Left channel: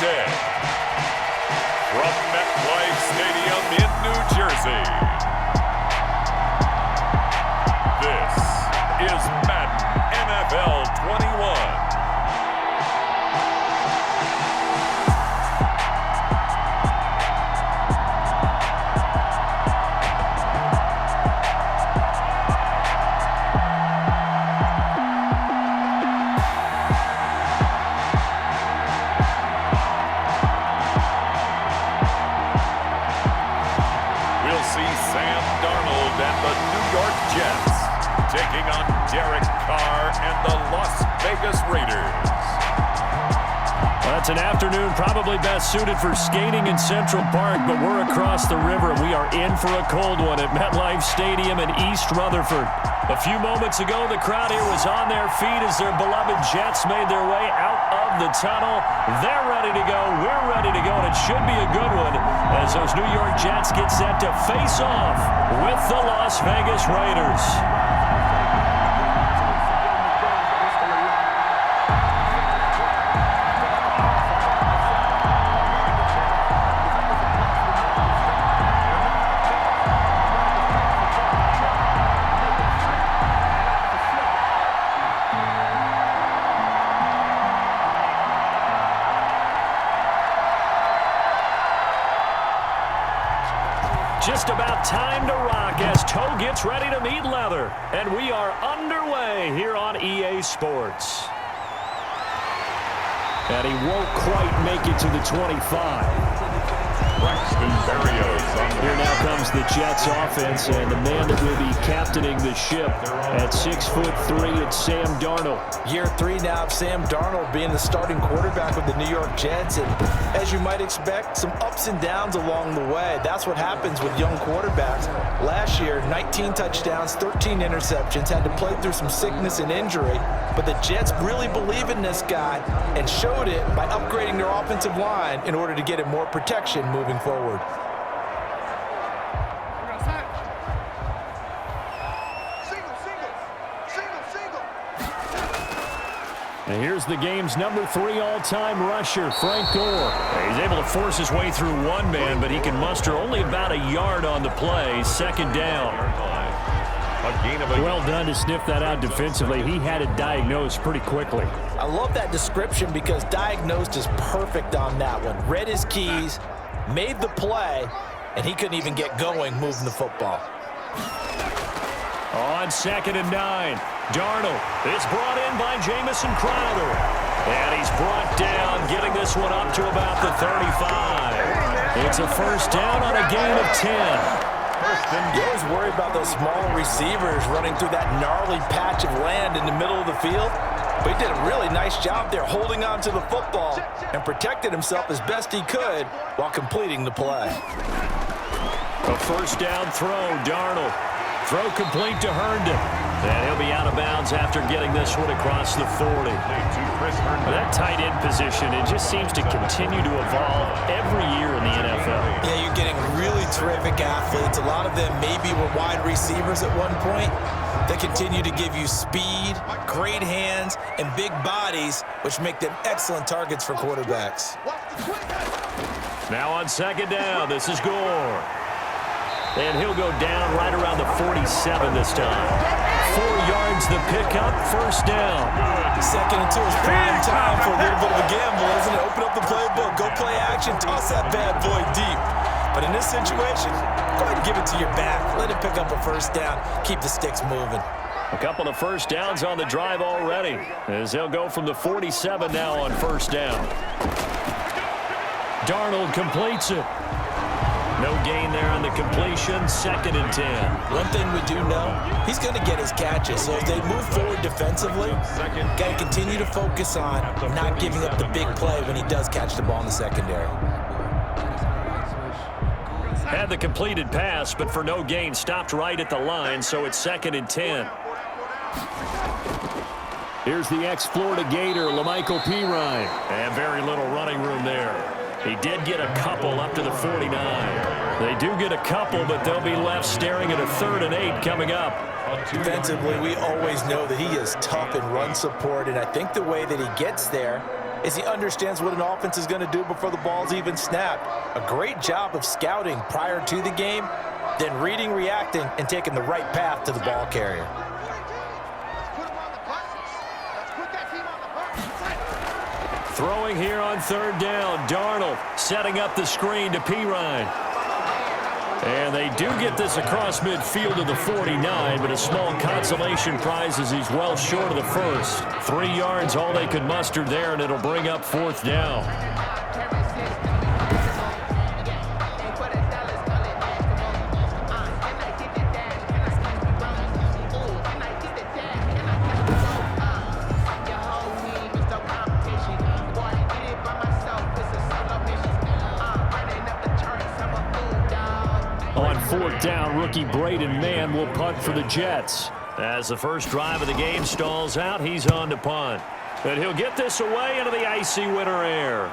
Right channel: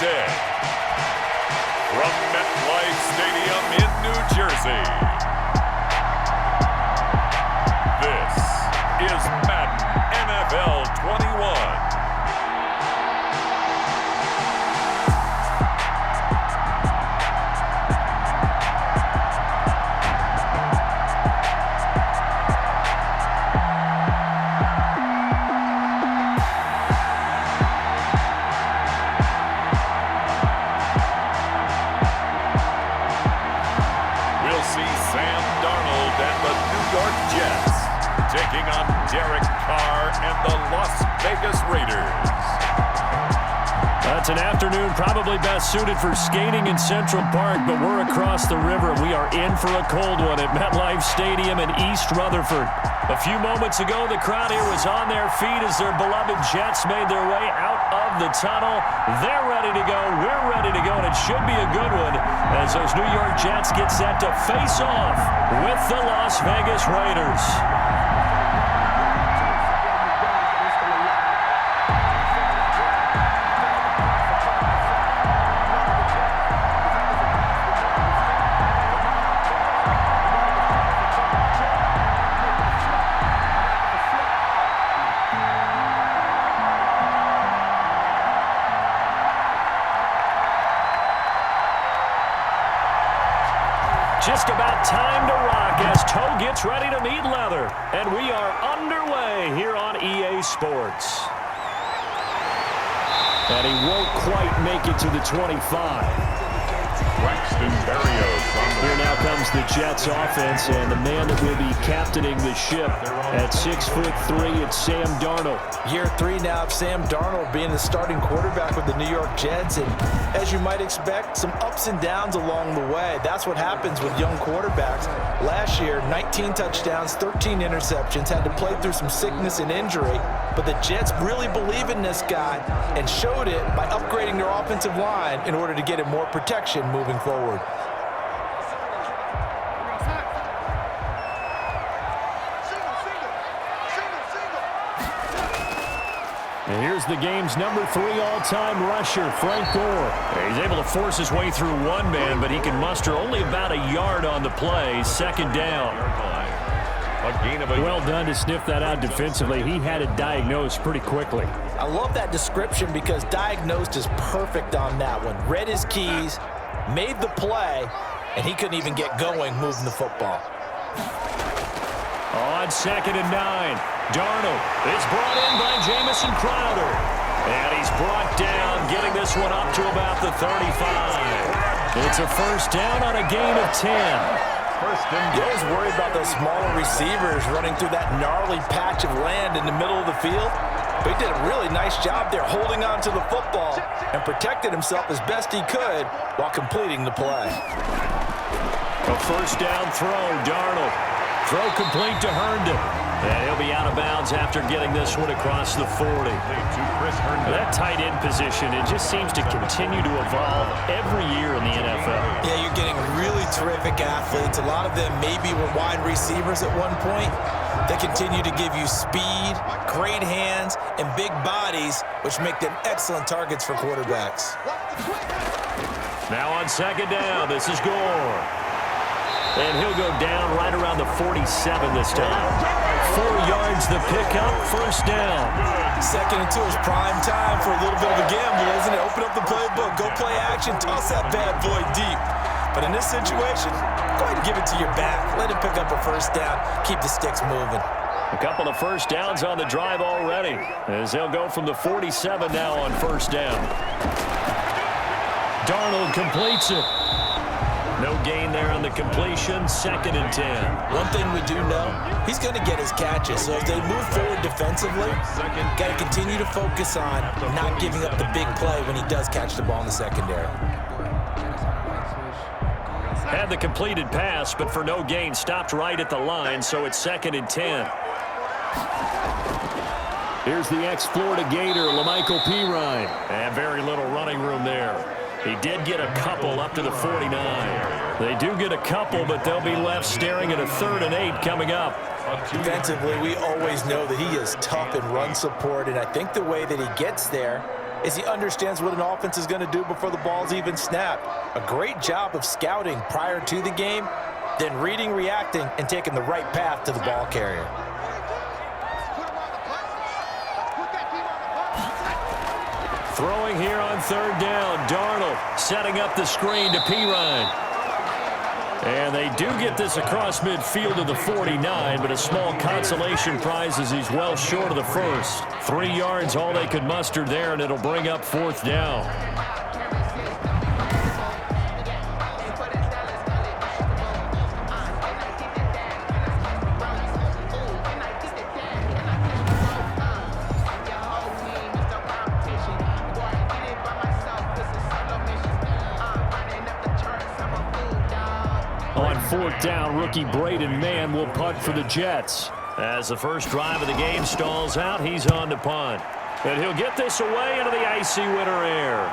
day. From MetLife Stadium in New Jersey, this is Madden NFL 21. We'll see Sam Darnold and the New York Jets taking on Carr and the Las Vegas Raiders. It's an afternoon probably best suited for skating in Central Park, but we're across the river and we are in for a cold one at MetLife Stadium in East Rutherford. A few moments ago, the crowd here was on their feet as their beloved Jets made their way out of the tunnel. They're ready to go. We're ready to go, and it should be a good one as those New York Jets get set to face off with the Las Vegas Raiders. Just about time to rock as toe gets ready to meet leather. And we are underway here on EA Sports. And he won't quite make it to the 25. Here now comes the Jets offense, and the man that will be captaining the ship at 6'3", it's Sam Darnold. Year 3 now of Sam Darnold being the starting quarterback with the New York Jets, and as you might expect, some ups and downs along the way. That's what happens with young quarterbacks. Last year, 19 touchdowns, 13 interceptions, had to play through some sickness and injury, but the Jets really believe in this guy and showed it by upgrading their offensive line in order to get him more protection moving forward. And here's the game's number 3 all-time rusher, Frank Gore. He's able to force his way through one man, but he can muster only about a yard on the play. Second down. Well done to sniff that out defensively. He had it diagnosed pretty quickly. I love that description because diagnosed is perfect on that one. Read his keys, made the play, and he couldn't even get going moving the football. On 2nd and 9, Darnold is brought in by Jamison Crowder. And he's brought down, getting this one up to about the 35. It's a first down on a gain of 10. You always worry about those smaller receivers running through that gnarly patch of land in the middle of the field. But he did a really nice job there holding on to the football and protected himself as best he could while completing the play. A first down throw, Darnold. Throw complete to Herndon. And he'll be out of bounds after getting this one across the 40. That tight end position, it just seems to continue to evolve every year in the NFL. Yeah, you're getting really terrific athletes. A lot of them maybe were wide receivers at one point. They continue to give you speed, great hands, and big bodies, which make them excellent targets for quarterbacks. Now on 2nd down, this is Gore. And he'll go down right around the 47 this time. 4 yards the pickup, first down. 2nd and 2 is prime time for a little bit of a gamble, isn't it? Open up the playbook, go play action, toss that bad boy deep. But in this situation, go ahead and give it to your back. Let him pick up a first down. Keep the sticks moving. A couple of first downs on the drive already, as they'll go from the 47 now on first down. Darnold completes it. No gain there on the completion, 2nd and 10. One thing we do know, he's going to get his catches. So as they move forward defensively, got to continue to focus on not giving up the big play when he does catch the ball in the secondary. Had the completed pass, but for no gain, stopped right at the line, so it's 2nd and 10. Here's the ex-Florida Gator, Lamichael Pirine. And very little running room there. He did get a couple up to the 49. They do get a couple, but they'll be left staring at a 3rd and 8 coming up. Defensively, we always know that he is tough in run support, and I think the way that he gets there is he understands what an offense is going to do before the ball's even snapped. A great job of scouting prior to the game, then reading, reacting, and taking the right path to the ball carrier. Throwing here on third down. Darnold setting up the screen to Pirine. And they do get this across midfield to the 49, but a small consolation prize as he's well short of the first. 3 yards, all they could muster there, and it'll bring up fourth down. On fourth down, rookie Braden Mann will punt for the Jets. As the first drive of the game stalls out, he's on to punt. And he'll get this away into the icy winter air.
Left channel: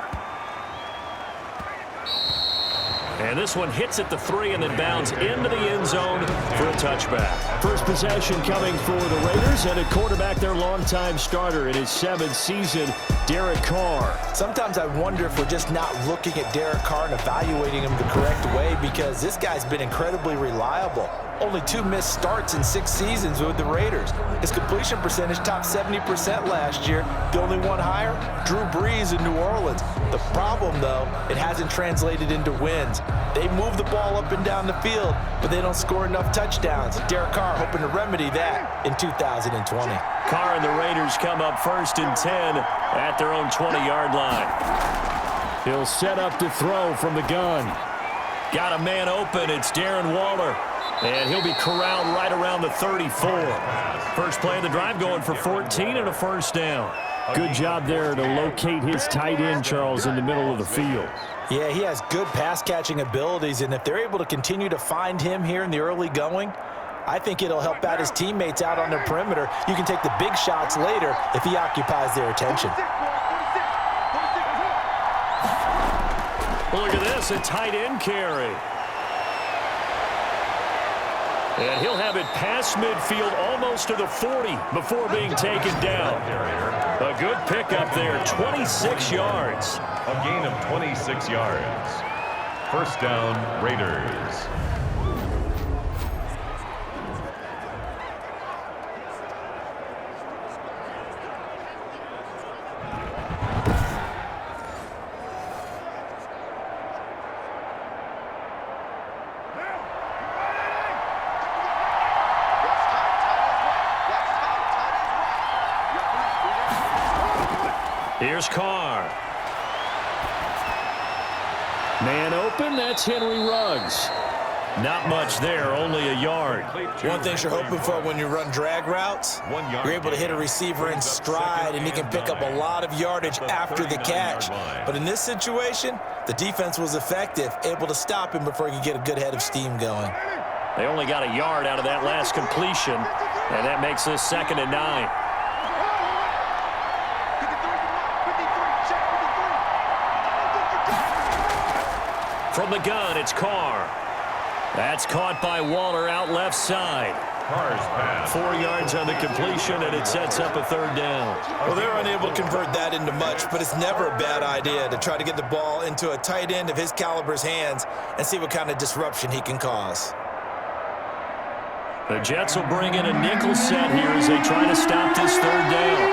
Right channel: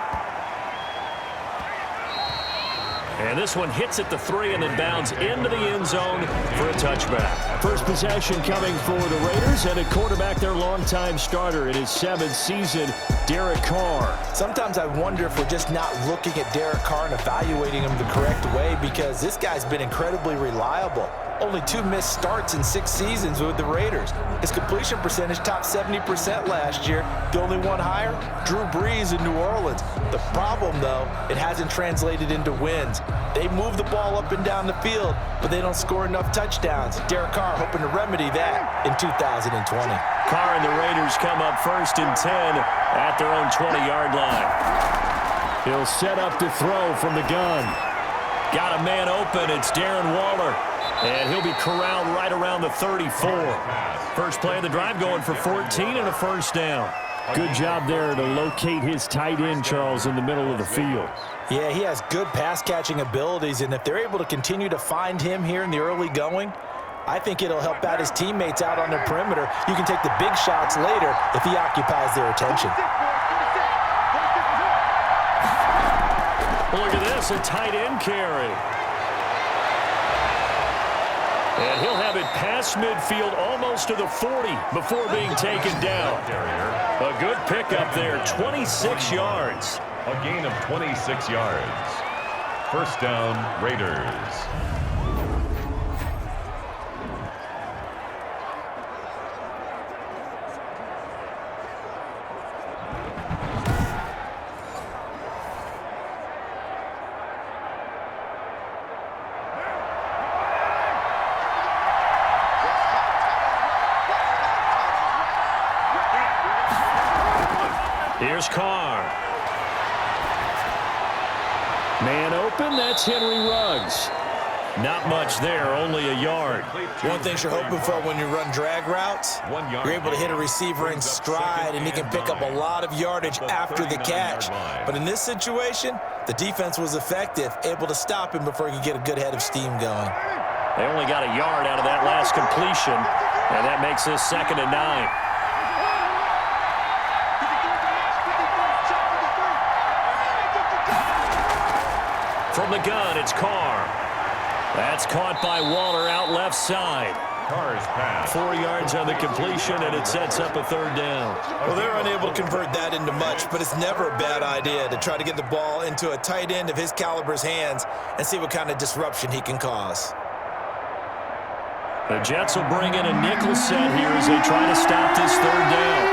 And this one hits at the 3 and then bounds into the end zone for a touchback. First possession coming for the Raiders, and at quarterback, their longtime starter in his 7th season, Derek Carr. Sometimes I wonder if we're just not looking at Derek Carr and evaluating him the correct way, because this guy's been incredibly reliable. Only 2 missed starts in 6 seasons with the Raiders. His completion percentage topped 70% last year. The only one higher, Drew Brees in New Orleans. The problem, though, it hasn't translated into wins. They move the ball up and down the field, but they don't score enough touchdowns. Derek Carr hoping to remedy that in 2020. Carr and the Raiders come up 1st and 10 at their own 20-yard line. He'll set up to throw from the gun. Got a man open. It's Darren Waller. And he'll be corralled right around the 34. First play of the drive going for 14 and a first down. Good job there to locate his tight end, Charles, in the middle of the field. Yeah, he has good pass-catching abilities, and if they're able to continue to find him here in the early going, I think it'll help out his teammates out on the perimeter. You can take the big shots later if he occupies their attention. Look at this, a tight end carry. And he'll have it past midfield almost to the 40 before being taken down. A good pickup there, 26 yards. A gain of 26 yards. First down, Raiders. Here's Carr. Man open, that's Henry Ruggs. Not much there, only a yard. One thing you're hoping for when you run drag routes, you're able to hit a receiver in stride, and he can pick up a lot of yardage after the catch. But in this situation, the defense was effective, able to stop him before he could get a good head of steam going. They only got a yard out of that last completion, and that makes this 2nd and 9. From the gun, it's Carr. That's caught by Waller out left side. Carr's pass. 4 yards on the completion, and it sets up a 3rd down. Well, they're unable to convert that into much, but it's never a bad idea to try to get the ball into a tight end of his caliber's hands and see what kind of disruption he can cause. The Jets will bring in a nickel set here as they try to stop this 3rd down.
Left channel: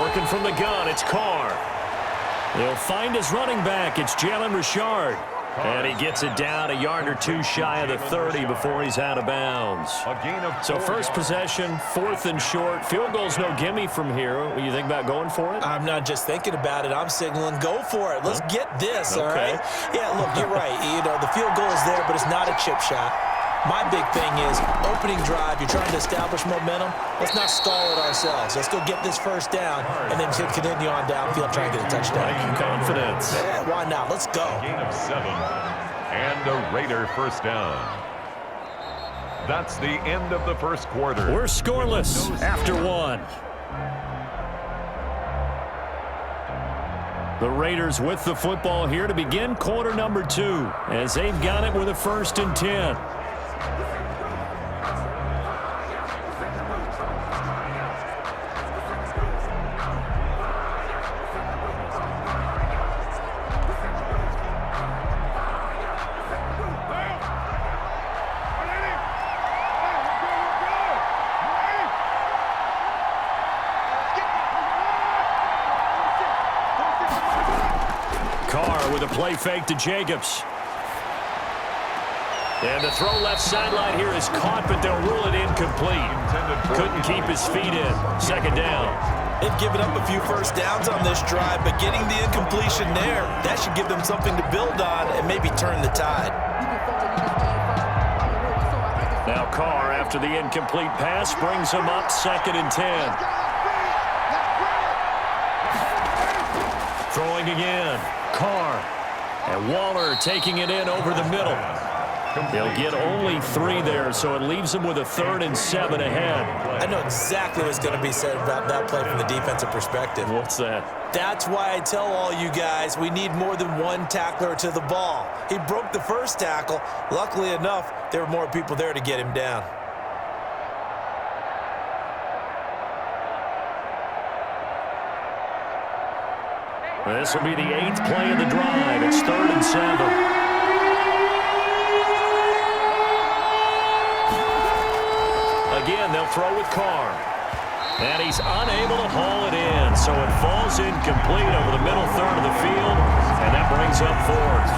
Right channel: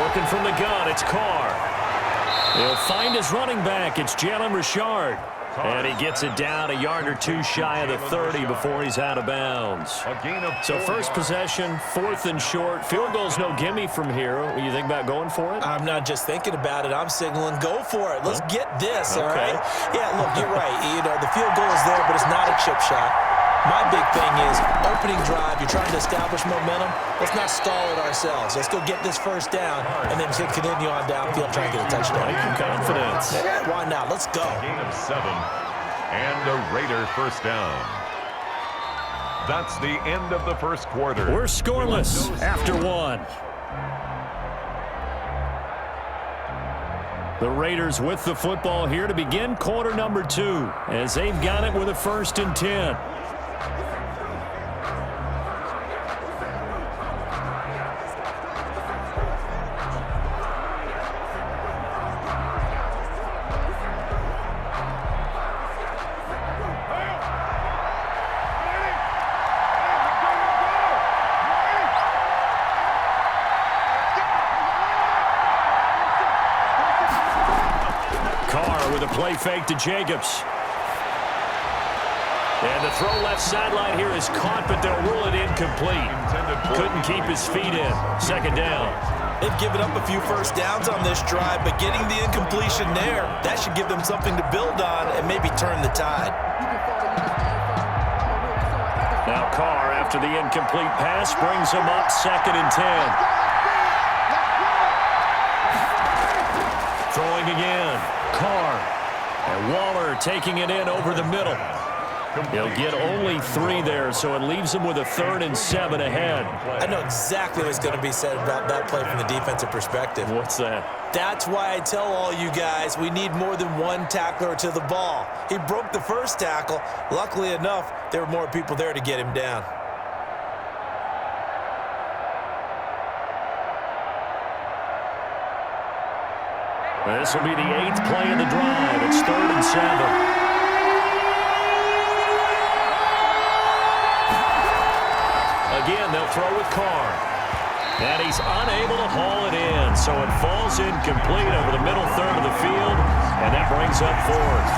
Working from the gun, it's Carr. He'll find his running back. It's Jalen Richard. And he gets it down a yard or 2 shy of the 30 before he's out of bounds. So first possession, 4th and short. Field goal's no gimme from here. What do you think about going for it? I'm not just thinking about it. I'm signaling go for it. Let's get this, all right? Yeah, look, you're right. You know, the field goal is there, but it's not a chip shot. My big thing is opening drive. You're trying to establish momentum. Let's not stall it ourselves. Let's go get this first down and then continue on downfield, try and get a touchdown. Like your confidence. Yeah, why not? Let's go. Gain of 7 and a Raider first down. That's the end of the first quarter. We're scoreless after 1. The Raiders with the football here to begin quarter number 2 as they've got it with a 1st and 10. with a play fake to Jacobs. And the throw left sideline here is caught, but they'll rule it incomplete. Couldn't keep his feet in. Second down. They've given up a few first downs on this drive, but getting the incompletion there, that should give them something to build on and maybe turn the tide. Now Carr, after the incomplete pass, brings him up 2nd and 10. Throwing again. Carr. And Waller taking it in over the middle. They'll get only 3 there, so it leaves them with a 3rd and 7 ahead. I know exactly what's going to be said about that play from the defensive perspective. What's that? That's why I tell all you guys we need more than one tackler to the ball. He broke the first tackle. Luckily enough, there were more people there to get him down. This will be the 8th play of the drive. It's 3rd and 7. Again, they'll throw with Carr. And he's unable to haul it in, so it falls incomplete over the middle third of the field, and that brings up 4th.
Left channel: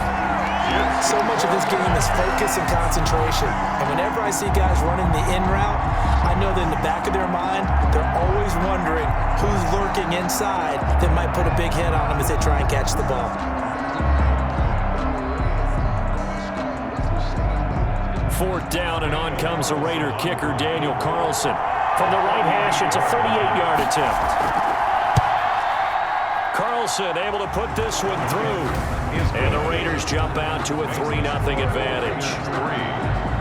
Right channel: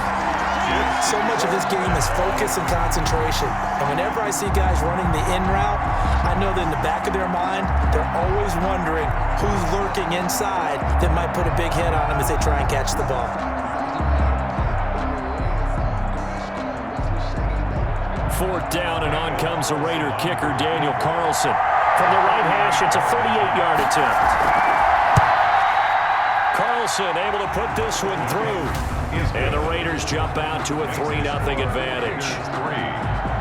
So much of this game is focus and concentration. And whenever I see guys running the in route, I know that in the back of their mind, they're always wondering who's lurking inside that might put a big hit on them as they try and catch the ball. 4th down, and on comes the Raider kicker, Daniel Carlson. From the right hash, it's a 38-yard attempt. Carlson able to put this one through. And the Raiders jump out to a 3-0 advantage. 3,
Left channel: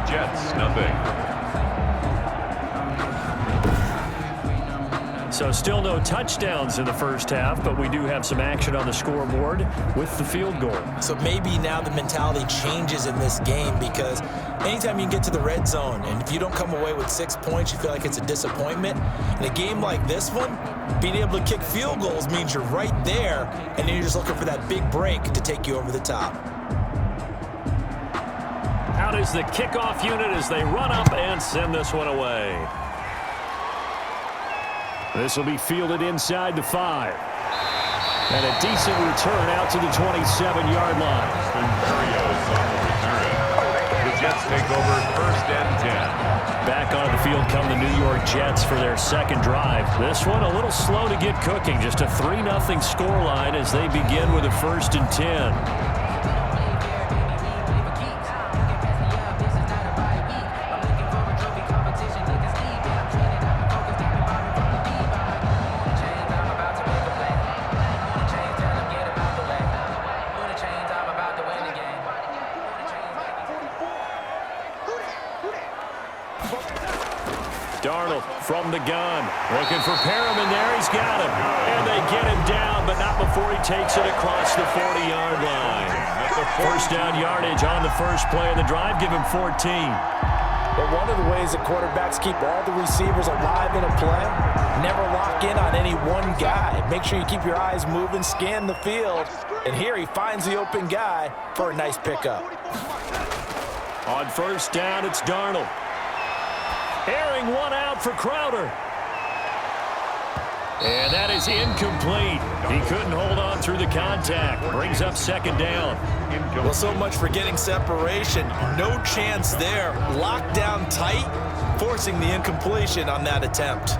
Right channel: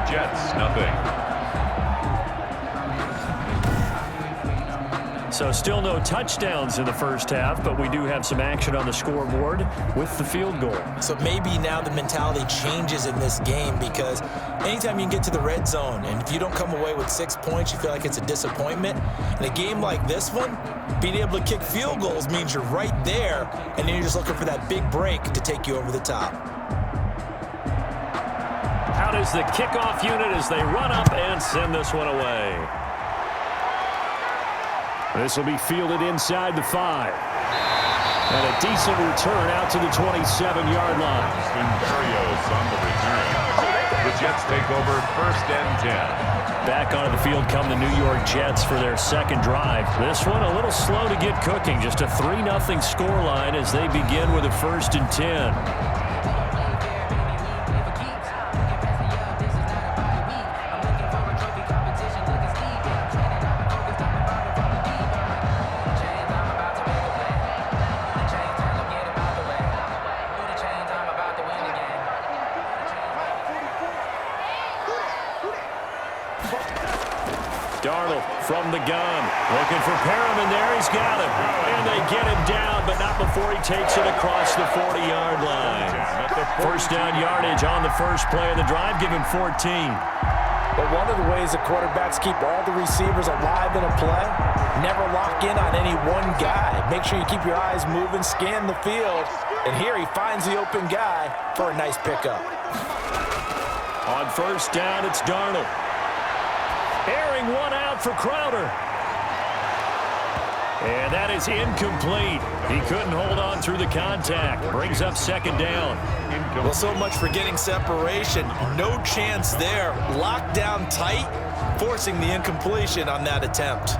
Jets nothing. So still no touchdowns in the first half, but we do have some action on the scoreboard with the field goal. So maybe now the mentality changes in this game, because anytime you can get to the red zone, and if you don't come away with 6 points, you feel like it's a disappointment. In a game like this one, being able to kick field goals means you're right there, and then you're just looking for that big break to take you over the top. Out is the kickoff unit as they run up and send this one away. This will be fielded inside the 5. And a decent return out to the 27-yard line. Mariota on the return. The Jets take over 1st and 10. Back onto the field come the New York Jets for their second drive. This one a little slow to get cooking. Just a 3-0 scoreline as they begin with a 1st and 10. Darnold from the gun, looking for Perriman there. He's got him, and they get him down, but not before he takes it across the 40-yard line. 1st down yardage on the first play of the drive. Give him 14. But one of the ways that quarterbacks keep all the receivers alive in a play, never lock in on any one guy. Make sure you keep your eyes moving, scan the field, and here he finds the open guy for a nice pickup. On 1st down, it's Darnold. Airing one out for Crowder. And that is incomplete. He couldn't hold on through the contact. Brings up 2nd down. Well, so much for getting separation. No chance there. Locked down tight, forcing the incompletion on that attempt.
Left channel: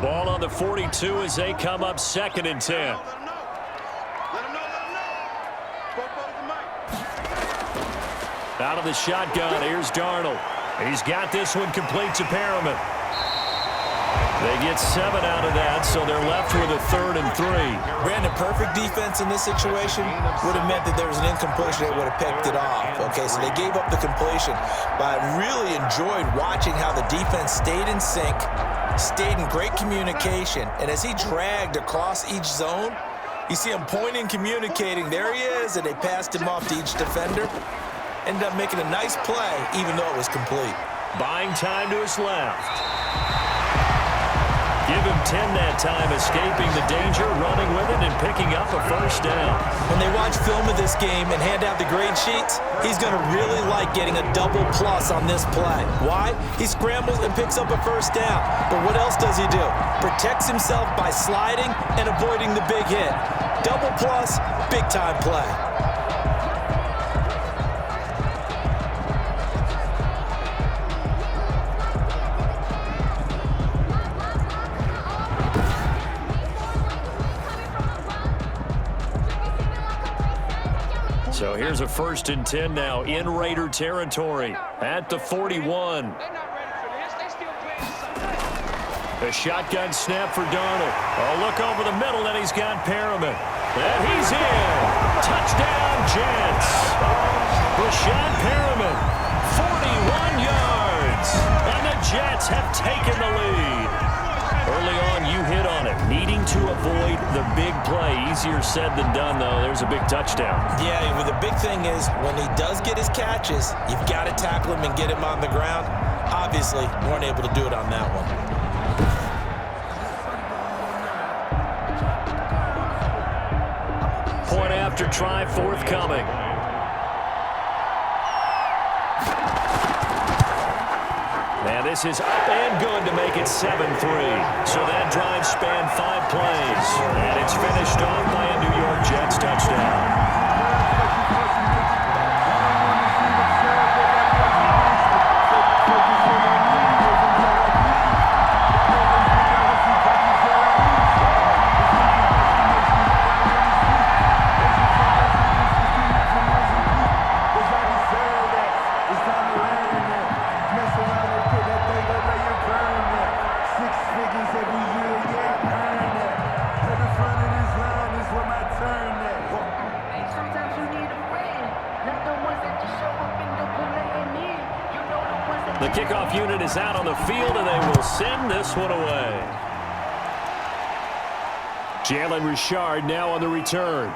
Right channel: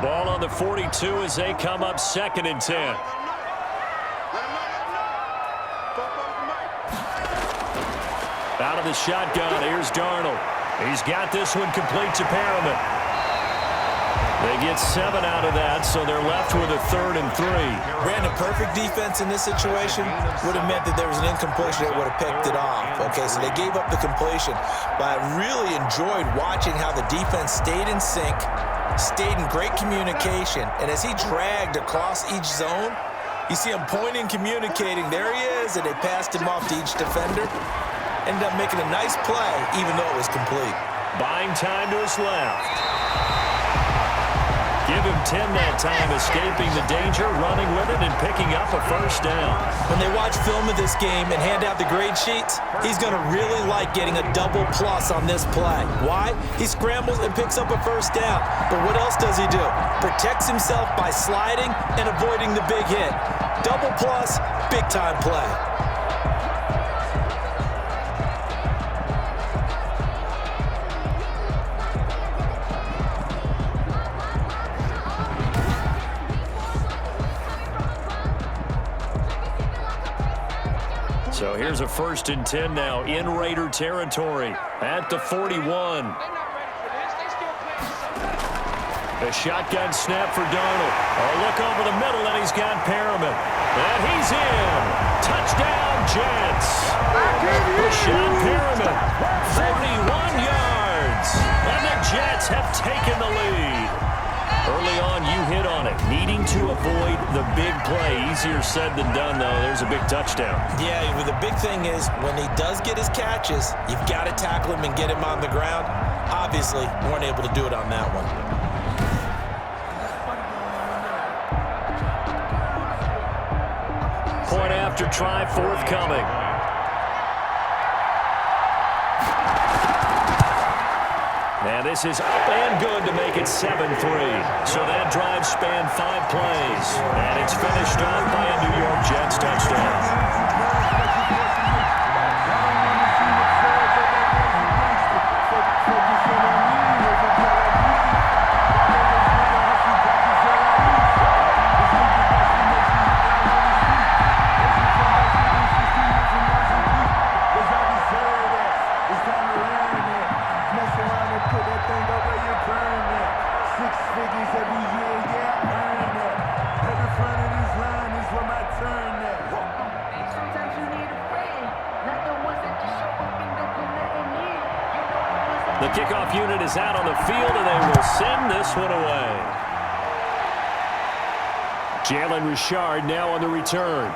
Ball on the 42 as they come up 2nd and 10. Out of the shotgun, here's Darnold. He's got this one complete to Perriman. They get 7 out of that, so they're left with a 3rd and 3. Brandon, perfect defense in this situation would have meant that there was an incompletion that would have picked it off. Okay, so they gave up the completion, but I really enjoyed watching how the defense stayed in sync, stayed in great communication, and as he dragged across each zone, you see him pointing, communicating. There he is, and they passed him off to each defender. Ended up making a nice play, even though it was complete. Buying time to his left. Give him 10 that time, escaping the danger, running with it, and picking up a first down. When they watch film of this game and hand out the grade sheets, he's going to really like getting a double plus on this play. Why? He scrambles and picks up a first down. But what else does he do? Protects himself by sliding and avoiding the big hit. Double plus, big-time play. So here's a 1st and 10 now in Raider territory at the 41. A shotgun snap for Darnold. A look over the middle, and he's got Perriman. And he's in. Touchdown, Jets. Rashad Perriman, 41 yards. And the Jets have taken the lead. Early on, you hit on it. Needing to avoid the big play. Easier said than done, though. There's a big touchdown. Yeah, the big thing is when he does get his catches, you've got to tackle him and get him on the ground. Obviously, weren't able to do it on that one. Point after try forthcoming. And this is up and good to make it 7-3. So that drive spanned 5 plays. And it's finished off by a New York Jets touchdown. The kickoff unit is out on the field, and they will send this one away. Jalen Richard now on the return.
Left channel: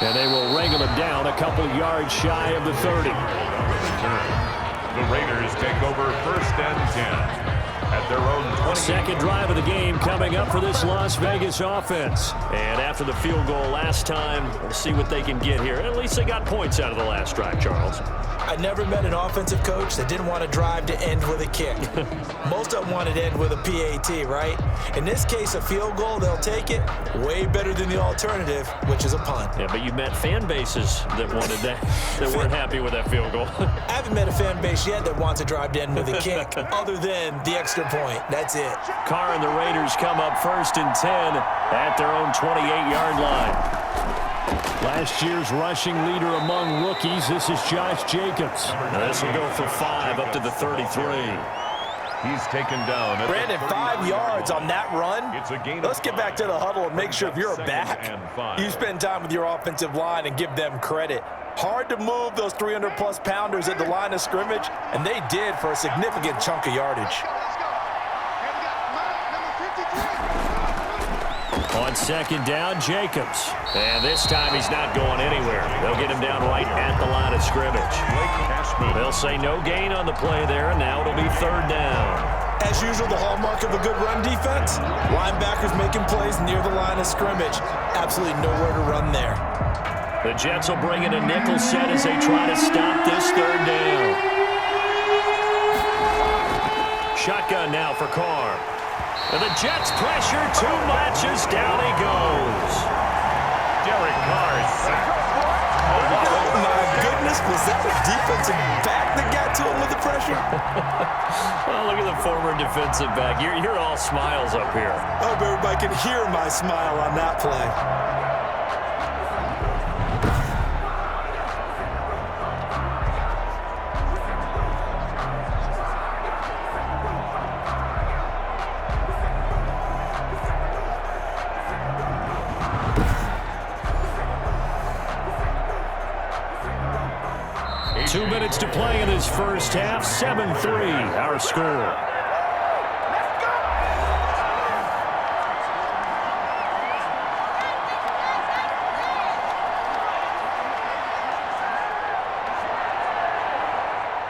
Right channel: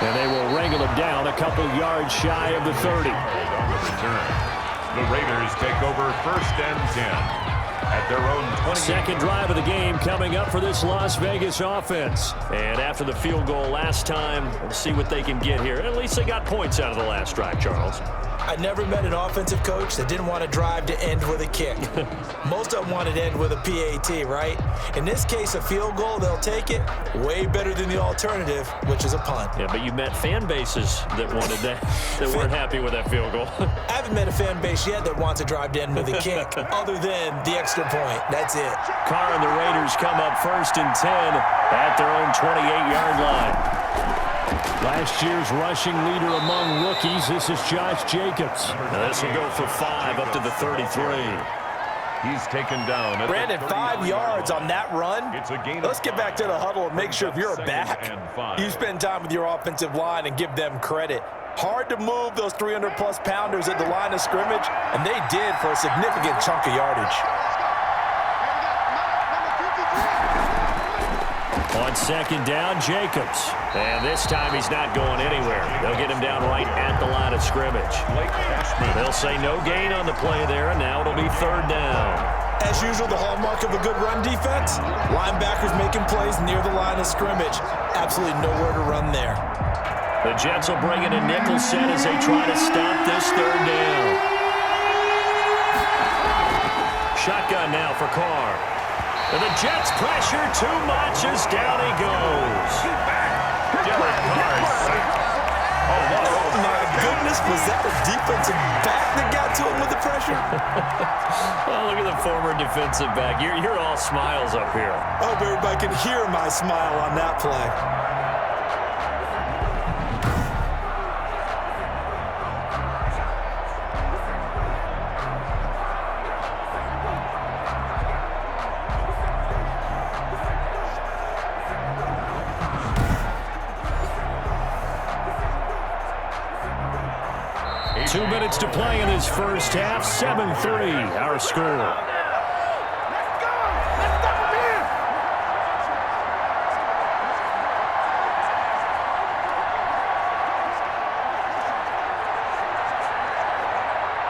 And they will wrangle him down a couple yards shy of the 30. On the return, the Raiders take over 1st and 10. At their own 20. Second drive of the game coming up for this Las Vegas offense. And after the field goal last time, we'll see what they can get here. At least they got points out of the last drive, Charles. I never met an offensive coach that didn't want to drive to end with a kick. Most of them wanted to end with a PAT, right? In this case, a field goal, they'll take it. Way better than the alternative, which is a punt. Yeah, but you met fan bases that wanted that, that weren't happy with that field goal. I haven't met a fan base yet that wants to drive to end with a kick, other than the extra point. That's it. Carr and the Raiders come up 1st and 10 at their own 28-yard line. Last year's rushing leader among rookies, this is Josh Jacobs. Now this will go for 5 up to the 33. He's taken down. Brandon, 5 yards on that run. Let's get back to the huddle and make sure if you're a back, you spend time with your offensive line and give them credit. Hard to move those 300-plus pounders at the line of scrimmage, and they did for a significant chunk of yardage. On 2nd down, Jacobs. And this time he's not going anywhere. They'll get him down right at the line of scrimmage. They'll say no gain on the play there, and now it'll be 3rd down. As usual, the hallmark of a good run defense, linebackers making plays near the line of scrimmage. Absolutely nowhere to run there. The Jets will bring in a nickel set as they try to stop this 3rd down. Shotgun now for Carr. And the Jets pressure too much as down he goes. Derek Carr sacked. Oh, my goodness, was that a defensive back that got to him with the pressure? Oh, look at the former defensive back. You're all smiles up here. I hope everybody can hear my smile on that play. Two minutes to play in this first half. 7-3, our score.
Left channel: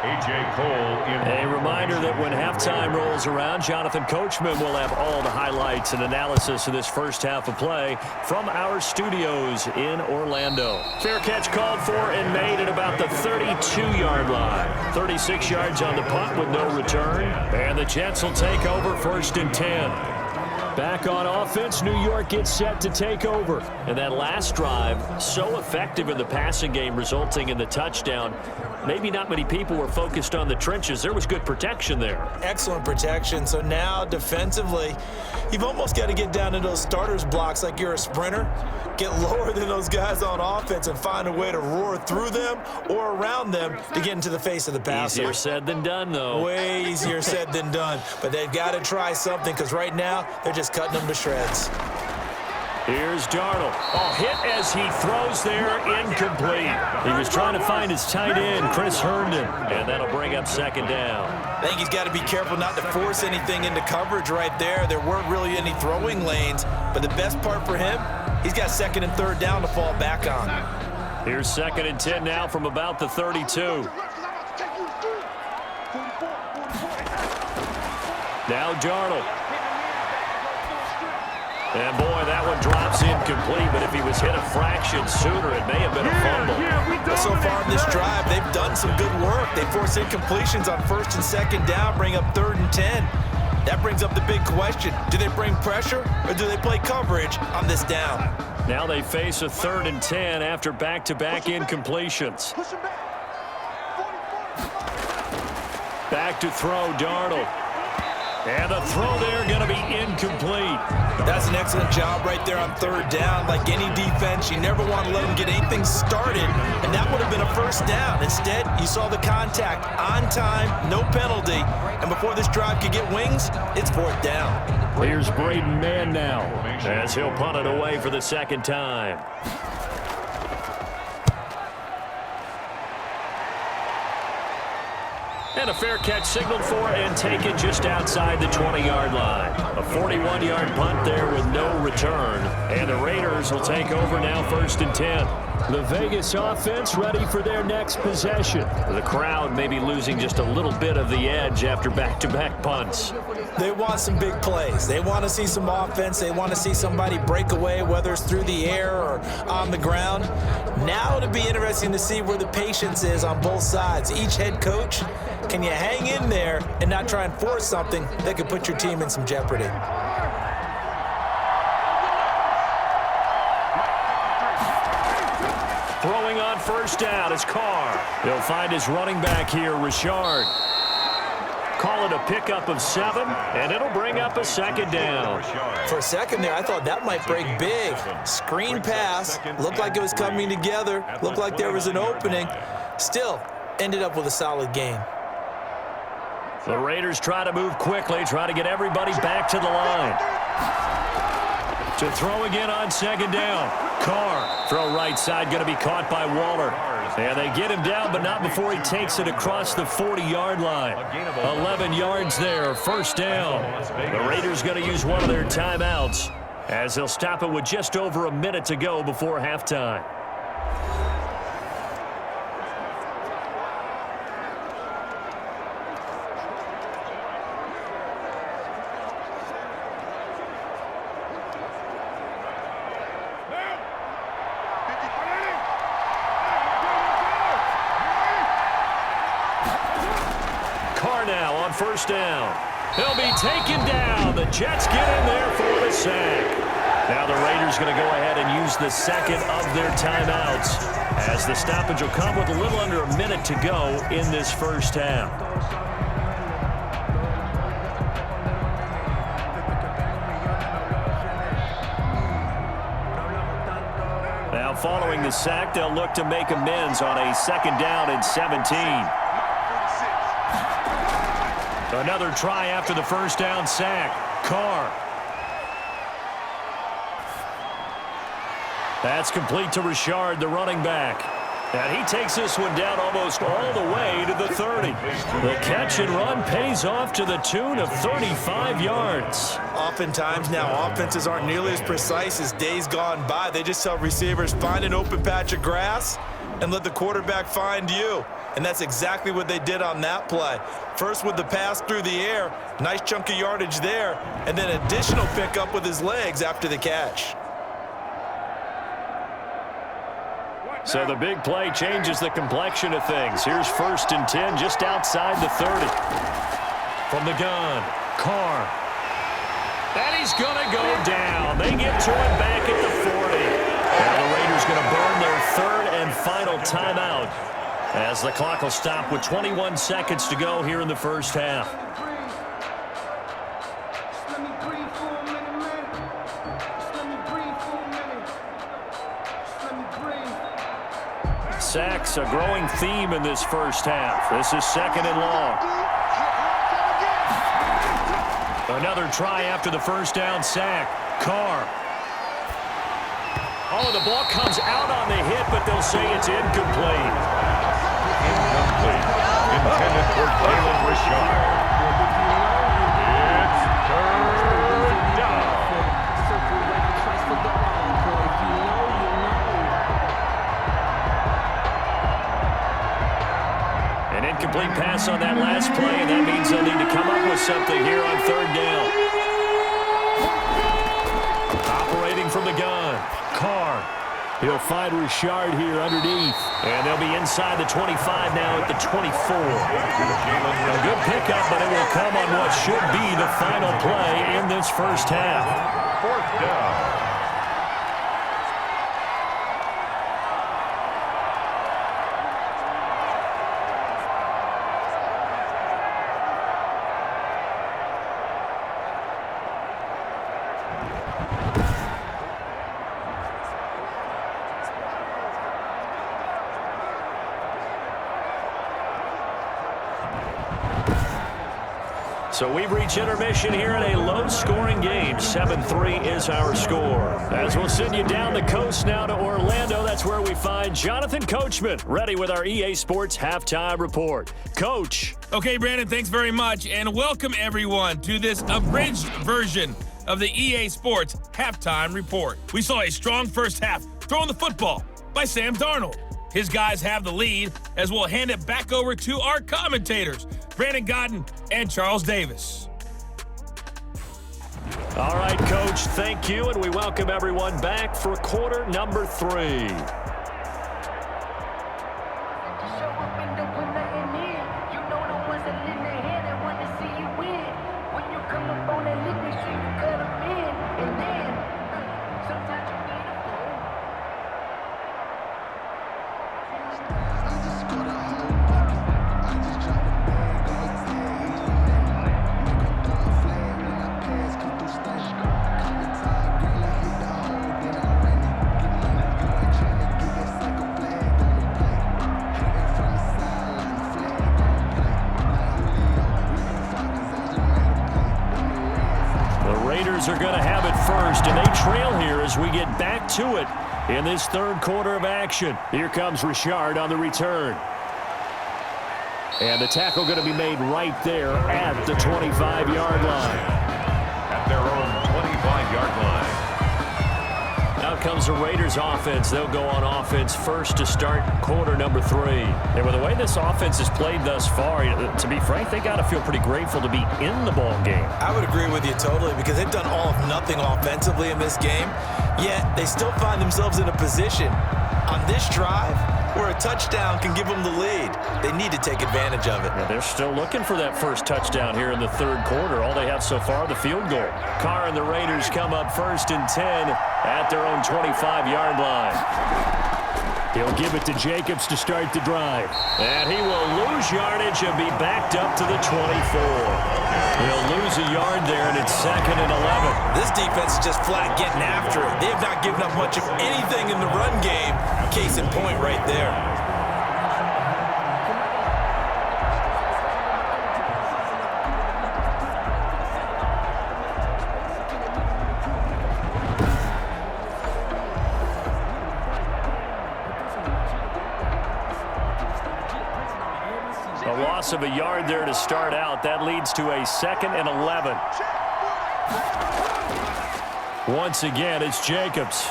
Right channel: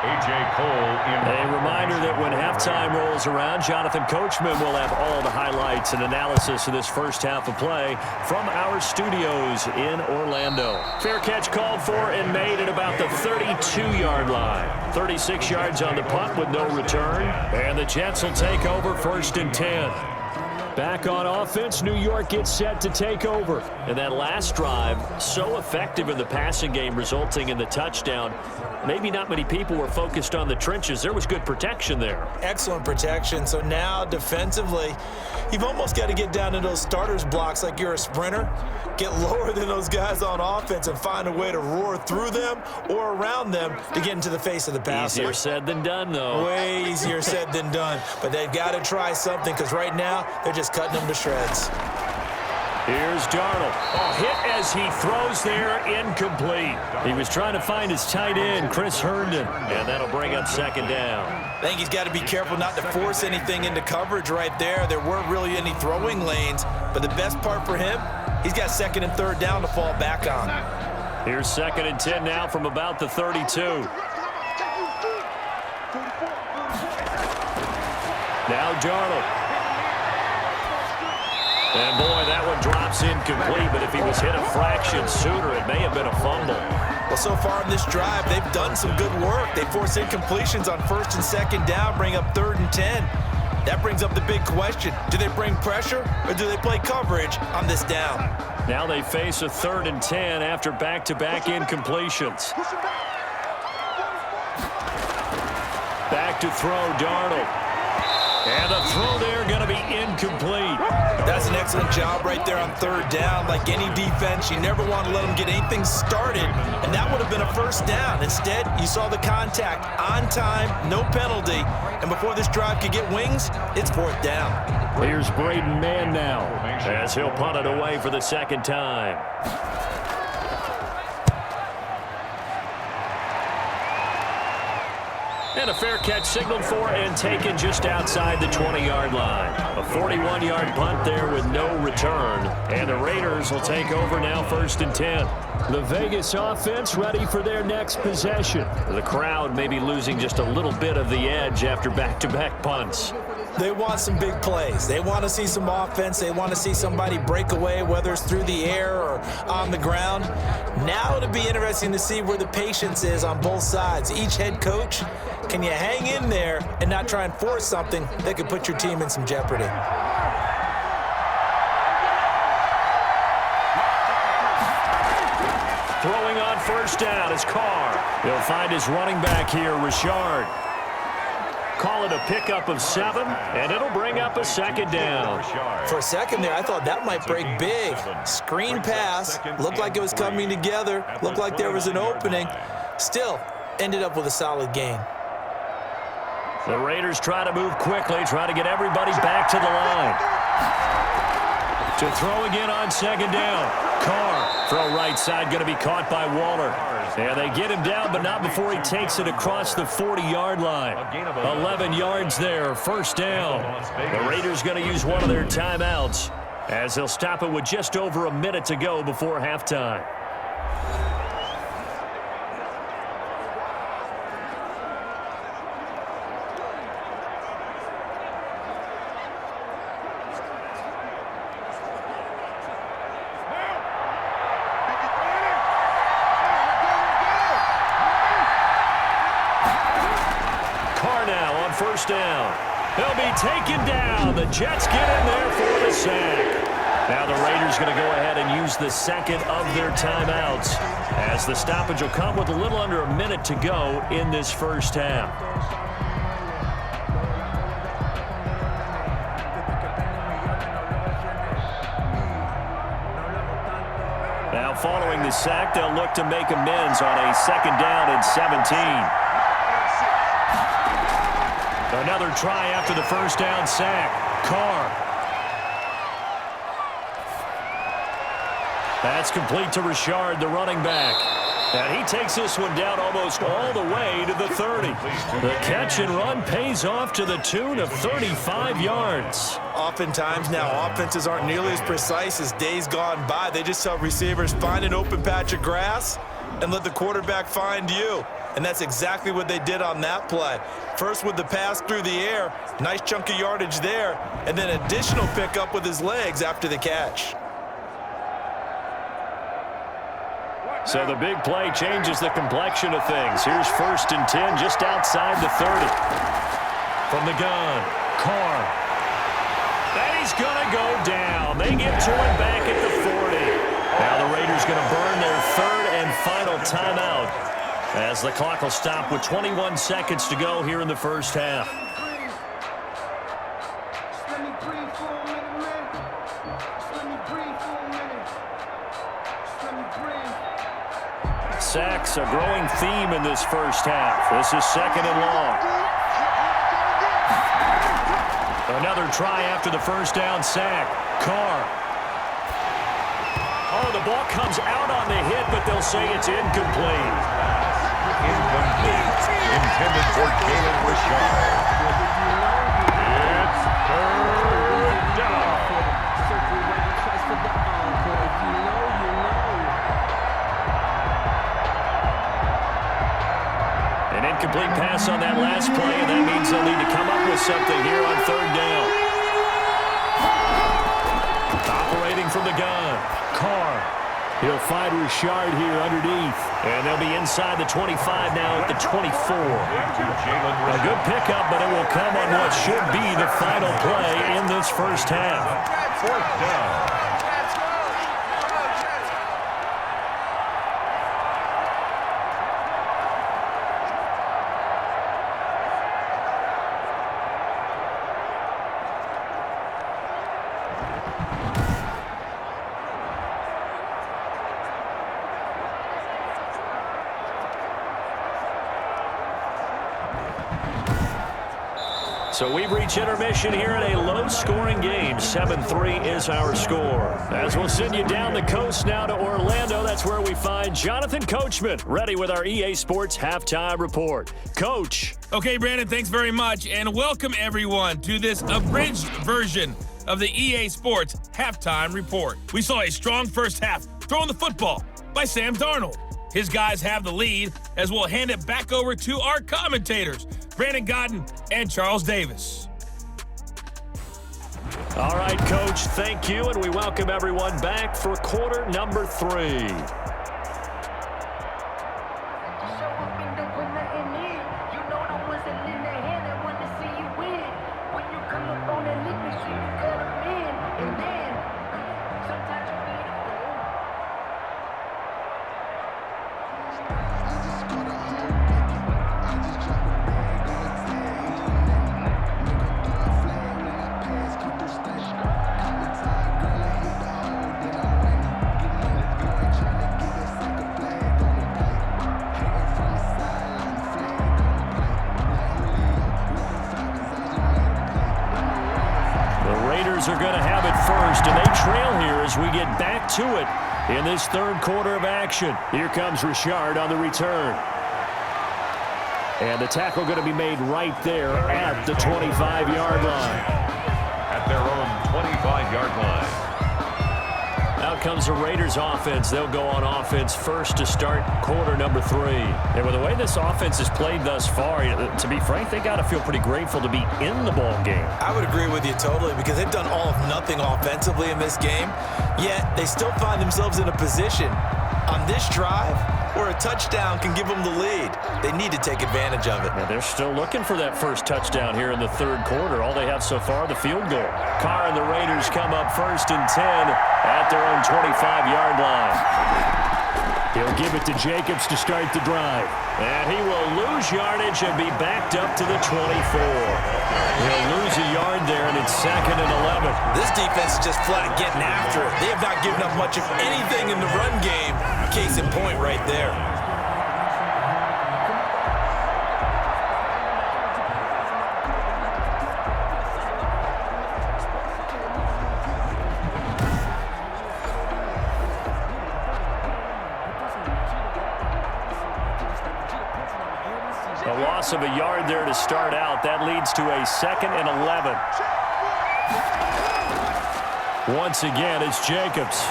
A.J. Cole in. A reminder that when halftime rolls around, Jonathan Coachman will have all the highlights and analysis of this first half of play from our studios in Orlando. Fair catch called for and made at about the 32-yard line. 36 yards on the punt with no return. And the Jets will take over 1st and 10. Back on offense, New York gets set to take over. And that last drive, so effective in the passing game, resulting in the touchdown. Maybe not many people were focused on the trenches. There was good protection there. Excellent protection. So now defensively, you've almost got to get down to those starters blocks like you're a sprinter. Get lower than those guys on offense and find a way to roar through them or around them to get into the face of the passer. Easier said than done, though. Way easier said than done. But they've got to try something because right now they're just cutting them to shreds. Here's Darnold. Oh, hit as he throws there, incomplete. He was trying to find his tight end, Chris Herndon, and that'll bring up 2nd down. I think he's got to be careful not to force anything into coverage right there. There weren't really any throwing lanes, but the best part for him, he's got 2nd and 3rd down to fall back on. Here's 2nd and 10 now from about the 32. Now Darnold. And, boy, that one drops incomplete, but if he was hit a fraction sooner, it may have been a fumble. Well, so far in this drive, they've done some good work. They force incompletions on 1st and 2nd down, bring up 3rd and 10. That brings up the big question. Do they bring pressure or do they play coverage on this down? Now they face a 3rd and 10 after back-to-back incompletions. Back to throw, Darnold. And the throw there going to be incomplete. That's an excellent job right there on 3rd down. Like any defense, you never want to let them get anything started, and that would have been a 1st down. Instead, you saw the contact on time, no penalty, and before this drive could get wings, it's 4th down. Here's Braden Mann now as he'll punt it away for the 2nd time. And a fair catch signaled for and taken just outside the 20-yard line. A 41-yard punt there with no return. And the Raiders will take over now 1st and 10. The Vegas offense ready for their next possession. The crowd may be losing just a little bit of the edge after back-to-back punts. They want some big plays. They want to see some offense. They want to see somebody break away, whether it's through the air or on the ground. Now it'll be interesting to see where the patience is on both sides. Each head coach, can you hang in there and not try and force something that could put your team in some jeopardy? Throwing on 1st down is Carr. He'll find his running back here, Richard. Call it a pickup of 7, and it'll bring up a 2nd down. For a second there, I thought that might break big. Screen pass, looked like it was coming together, looked like there was an opening. Still, ended up with a solid gain. The Raiders try to move quickly, try to get everybody back to the line. To throw again on 2nd down. Carr, throw right side, going to be caught by Waller. And they get him down, but not before he takes it across the 40-yard line. 11 yards there, 1st down. The Raiders going to use one of their timeouts as they'll stop it with just over a minute to go before halftime. Carr now on 1st down. He'll be taken down. The Jets get in there for the sack. Now the Raiders going to go ahead and use the 2nd of their timeouts as the stoppage will come with a little under a minute to go in this first half. Now following the sack, they'll look to make amends on a 2nd down and 17. Another try after the 1st down sack. Carr. That's complete to Richard, the running back. And he takes this one down almost all the way to the 30. The catch and run pays off to the tune of 35 yards. Oftentimes now, offenses aren't nearly as precise as days gone by. They just tell receivers, find an open patch of grass and let the quarterback find you. And that's exactly what they did on that play. First with the pass through the air, nice chunk of yardage there, and then additional pickup with his legs after the catch. So the big play changes the complexion of things. Here's 1st and 10 just outside the 30. From the gun, Carr. And he's going to go down. They get to him back at the 40. Now the Raiders going to burn their 3rd and final timeout as the clock will stop with 21 seconds to go here in the first half. Sacks a growing theme in this first half. This is 2nd and long. Another try after the first down sack. Carr. Oh, the ball comes out on the hit, but they'll say it's incomplete. Incomplete. Intended for Jalen Richard. It's 3rd down. An incomplete pass on that last play, and that means they'll need to come up with something here on 3rd down. Operating from the gun, Carr. He'll find Richard here underneath. And they'll be inside the 25 now at the 24. A good pickup, but it will come on what should be the final play in this first half. 4th down. So we've reached intermission here in a low-scoring game. 7-3 is our score. As we'll send you down the coast now to Orlando, that's where we find Jonathan Coachman, ready with our EA Sports Halftime Report. Coach. Okay, Brandon, thanks very much, and welcome everyone to this abridged version of the EA Sports Halftime Report. We saw a strong first half throwing the football by Sam Darnold. His guys have the lead as we'll hand it back over to our commentators, Brandon Godden and Charles Davis. All right, Coach, thank you, and we welcome everyone back for quarter number 3. Raiders are going to have it first, and they trail here as we get back to it in this 3rd quarter of action. Here comes Richard on the return. And the tackle going to be made right there at the 25-yard line. At their own 25-yard line. Out comes the Raiders offense. They'll go on offense first to start quarter number 3. And with the way this offense has played thus far, to be frank, they got to feel pretty grateful to be in the ball game. I would agree with you totally because they've done all of nothing offensively in this game, yet they still find themselves in a position on this drive where a touchdown can give them the lead. They need to take advantage of it. Yeah, they're still looking for that first touchdown here in the 3rd quarter. All they have so far, the field goal. Carr and the Raiders come up 1st and 10 at their own 25-yard line. He'll give it to Jacobs to start the drive. And he will lose yardage and be backed up to the 24. He'll lose a yard there, and it's 2nd and 11. This defense is just flat getting after it. They have not given up much of anything in the run game. Case in point right there. A loss of a yard there to start out. That leads to a 2nd and 11. Once again, it's Jacobs.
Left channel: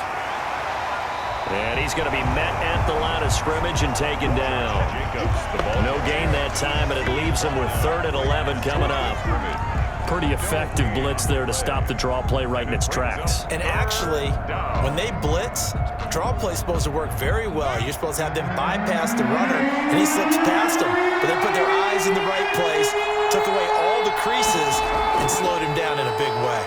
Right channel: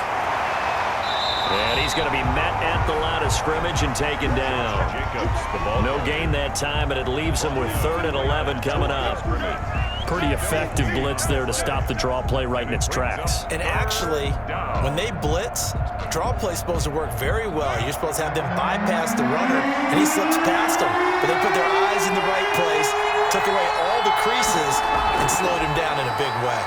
And he's going to be met at the line of scrimmage and taken down. No gain that time, and it leaves him with 3rd and 11 coming up. Pretty effective blitz there to stop the draw play right in its tracks. And actually, when they blitz, draw play is supposed to work very well. You're supposed to have them bypass the runner, and he slips past them. But they put their eyes in the right place, took away all the creases, and slowed him down in a big way.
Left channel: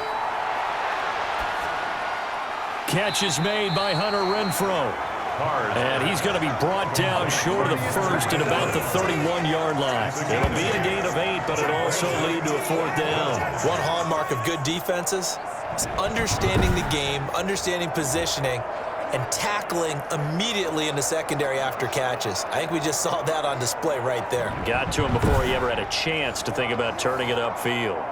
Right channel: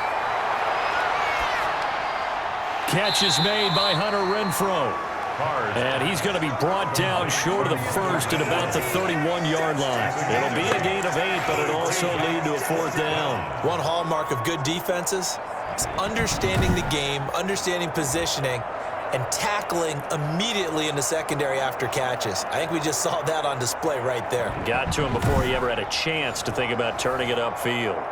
Catch is made by Hunter Renfrow. And he's going to be brought down short of the first at about the 31-yard line. It'll be a gain of 8, but it'll also lead to a 4th down. One hallmark of good defenses is understanding the game, understanding positioning, and tackling immediately in the secondary after catches. I think we just saw that on display right there. Got to him before he ever had a chance to think about turning it upfield.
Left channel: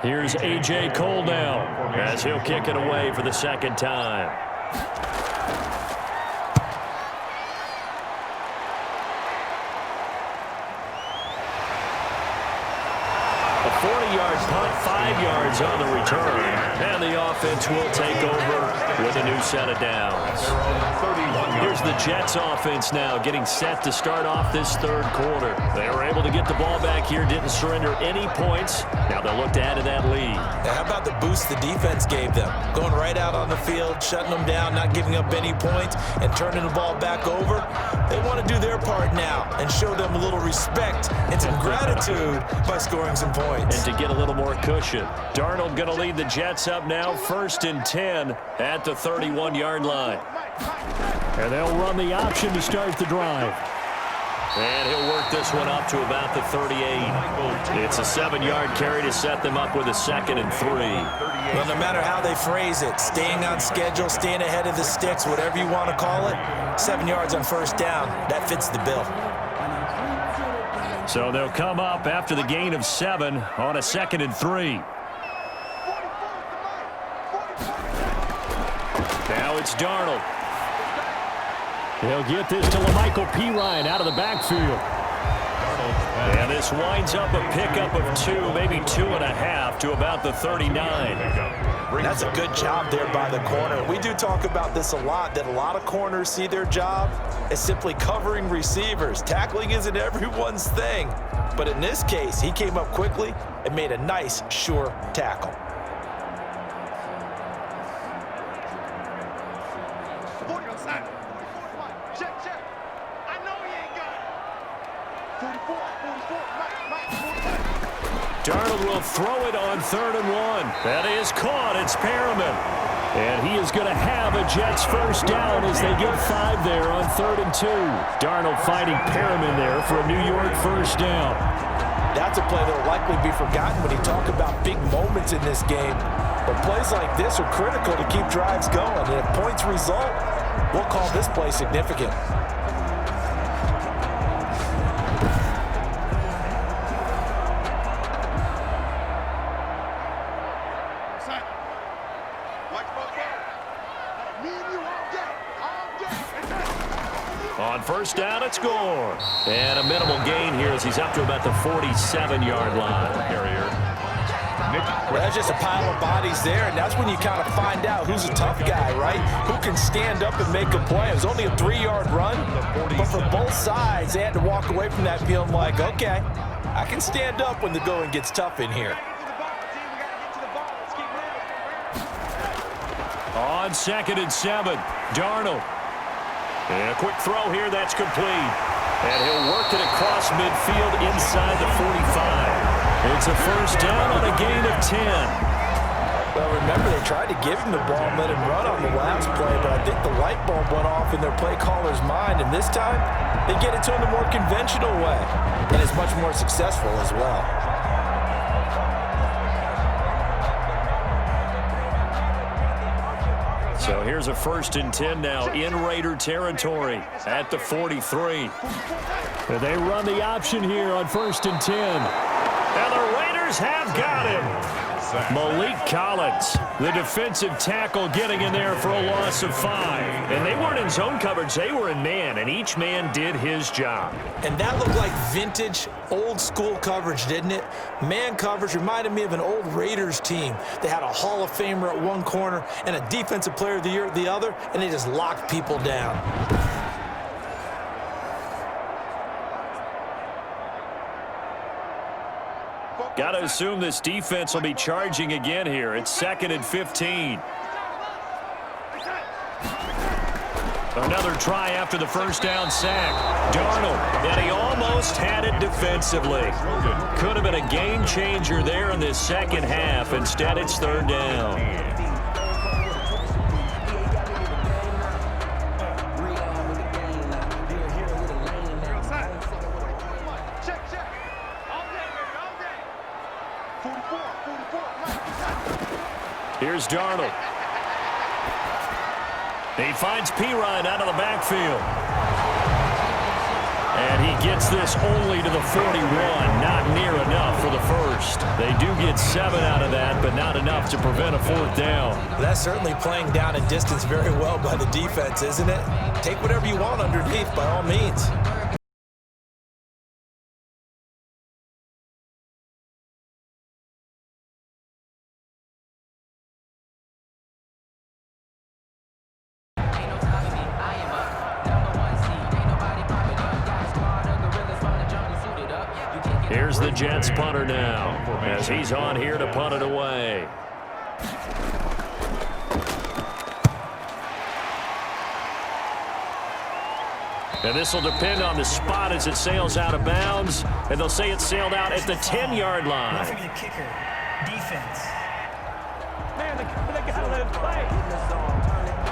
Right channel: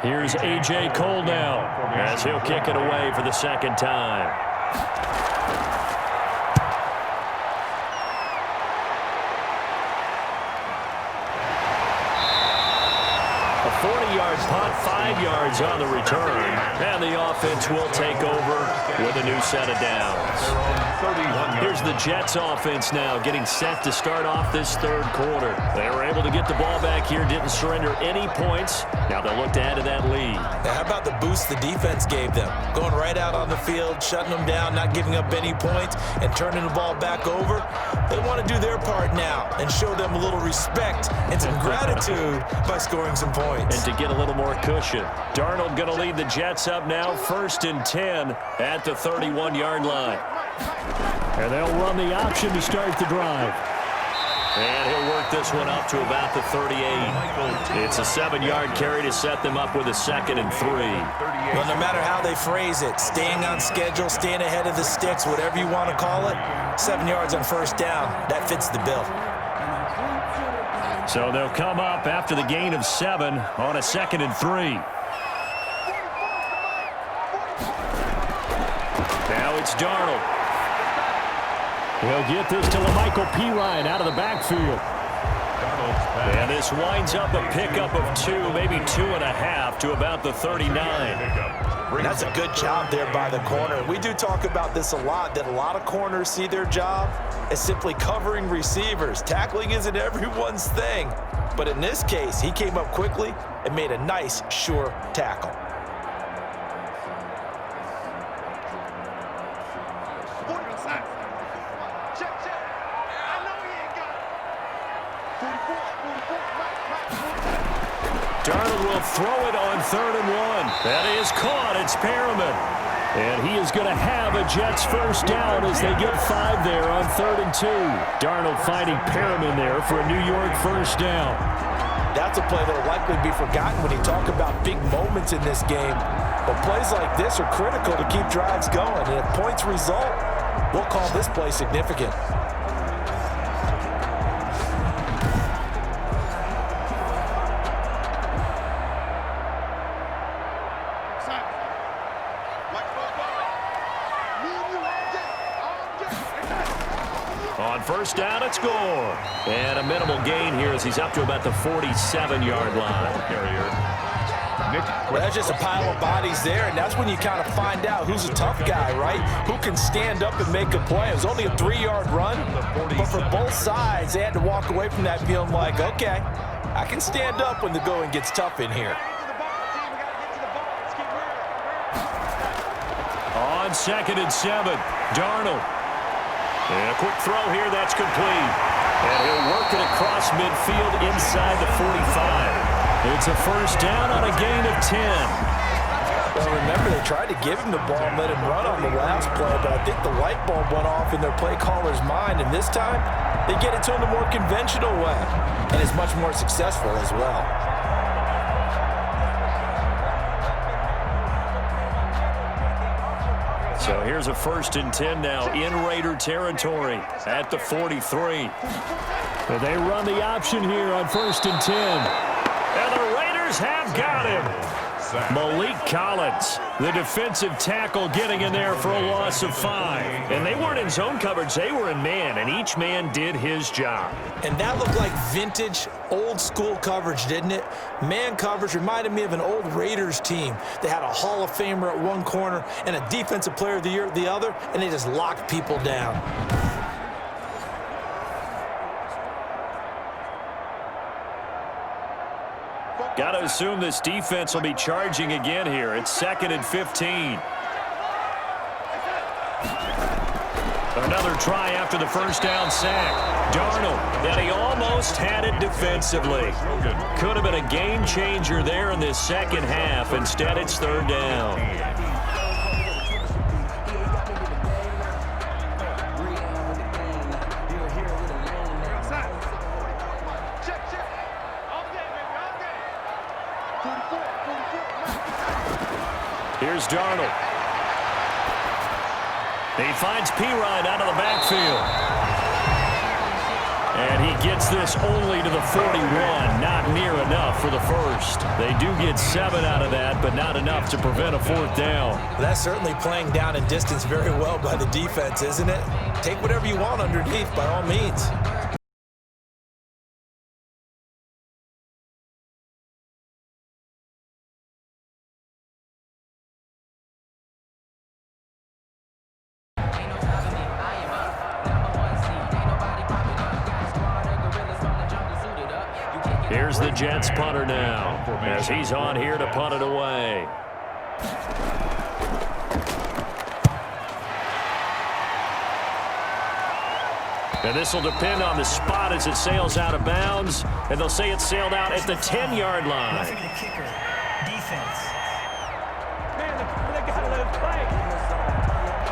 Here's A.J. Cole now as he'll kick it away for the 2nd time. A 40-yard punt, 5 yards on the return, and the offense will take over with a new set of downs. Here's the Jets offense now getting set to start off this 3rd quarter. They were able to get the ball back here, didn't surrender any points. Now they'll look to add to that lead. Now, how about the boost the defense gave them? Going right out on the field, shutting them down, not giving up any points, and turning the ball back over. They want to do their part now and show them a little respect and some gratitude by scoring some points. And to get a little more cushion. Darnold going to lead the Jets up now, 1st and 10 at the 31-yard line. And they'll run the option to start the drive. And he'll work this one up to about the 38. It's a 7-yard carry to set them up with a 2nd and 3. Well, no matter how they phrase it, staying on schedule, staying ahead of the sticks, whatever you want to call it, 7 yards on 1st down, that fits the bill. So they'll come up after the gain of 7 on a 2nd and 3. Now it's Darnold. He'll get this to LaMichael Pirine out of the backfield. And this winds up a pickup of 2, maybe 2.5 to about the 39. That's a good job there by the corner. We do talk about this a lot, that a lot of corners see their job as simply covering receivers. Tackling isn't everyone's thing. But in this case, he came up quickly and made a nice, sure tackle. Darnold will throw it on 3rd and 1. That is caught. It's Perriman. And he is going to have a Jets 1st down as they get 5 there on 3rd and 2. Darnold finding Perriman there for a New York 1st down. That's a play that will likely be forgotten when you talk about big moments in this game. But plays like this are critical to keep drives going. And if points result, we'll call this play significant. On 1st down, it's Gore. And a minimal gain here as he's up to about the 47-yard line. Well, that's just a pile of bodies there, and that's when you kind of find out who's a tough guy, right? Who can stand up and make a play. It was only a 3-yard run, but for both sides, they had to walk away from that feeling like, okay, I can stand up when the going gets tough in here. On 2nd and 7, Darnold. And a quick throw here, that's complete. And he'll work it across midfield inside the 45. It's a 1st down on a gain of 10. Well, remember, they tried to give him the ball and let him run on the last play, but I think the light bulb went off in their play caller's mind, and this time, they get it to him the more conventional way, and it's much more successful as well. So here's a 1st and 10 now in Raider territory at the 43. They run the option here on 1st and 10. And the Raiders have got him. Malik Collins, the defensive tackle, getting in there for a loss of 5. And they weren't in zone coverage, they were in man, and each man did his job. And that looked like vintage old school coverage, didn't it? Man coverage reminded me of an old Raiders team. They had a Hall of Famer at one corner and a Defensive Player of the Year at the other, and they just locked people down. Got to assume this defense will be charging again here. It's 2nd and 15. Another try after the first down sack. Darnold, and he almost had it defensively. Could have been a game changer there in this second half. Instead, it's 3rd down. Here's Darnold. He finds Pirine out of the backfield. And he gets this only to the 41. Not near enough for the first. They do get 7 out of that, but not enough to prevent a 4th down. That's certainly playing down in distance very well by the defense, isn't it? Take whatever you want underneath, by all means. Here's the Jets punter now, as he's on here to punt it away. And this will depend on the spot as it sails out of bounds, and they'll say it sailed out at the 10-yard line. Roughing the kicker, defense. Man, they gotta let him play.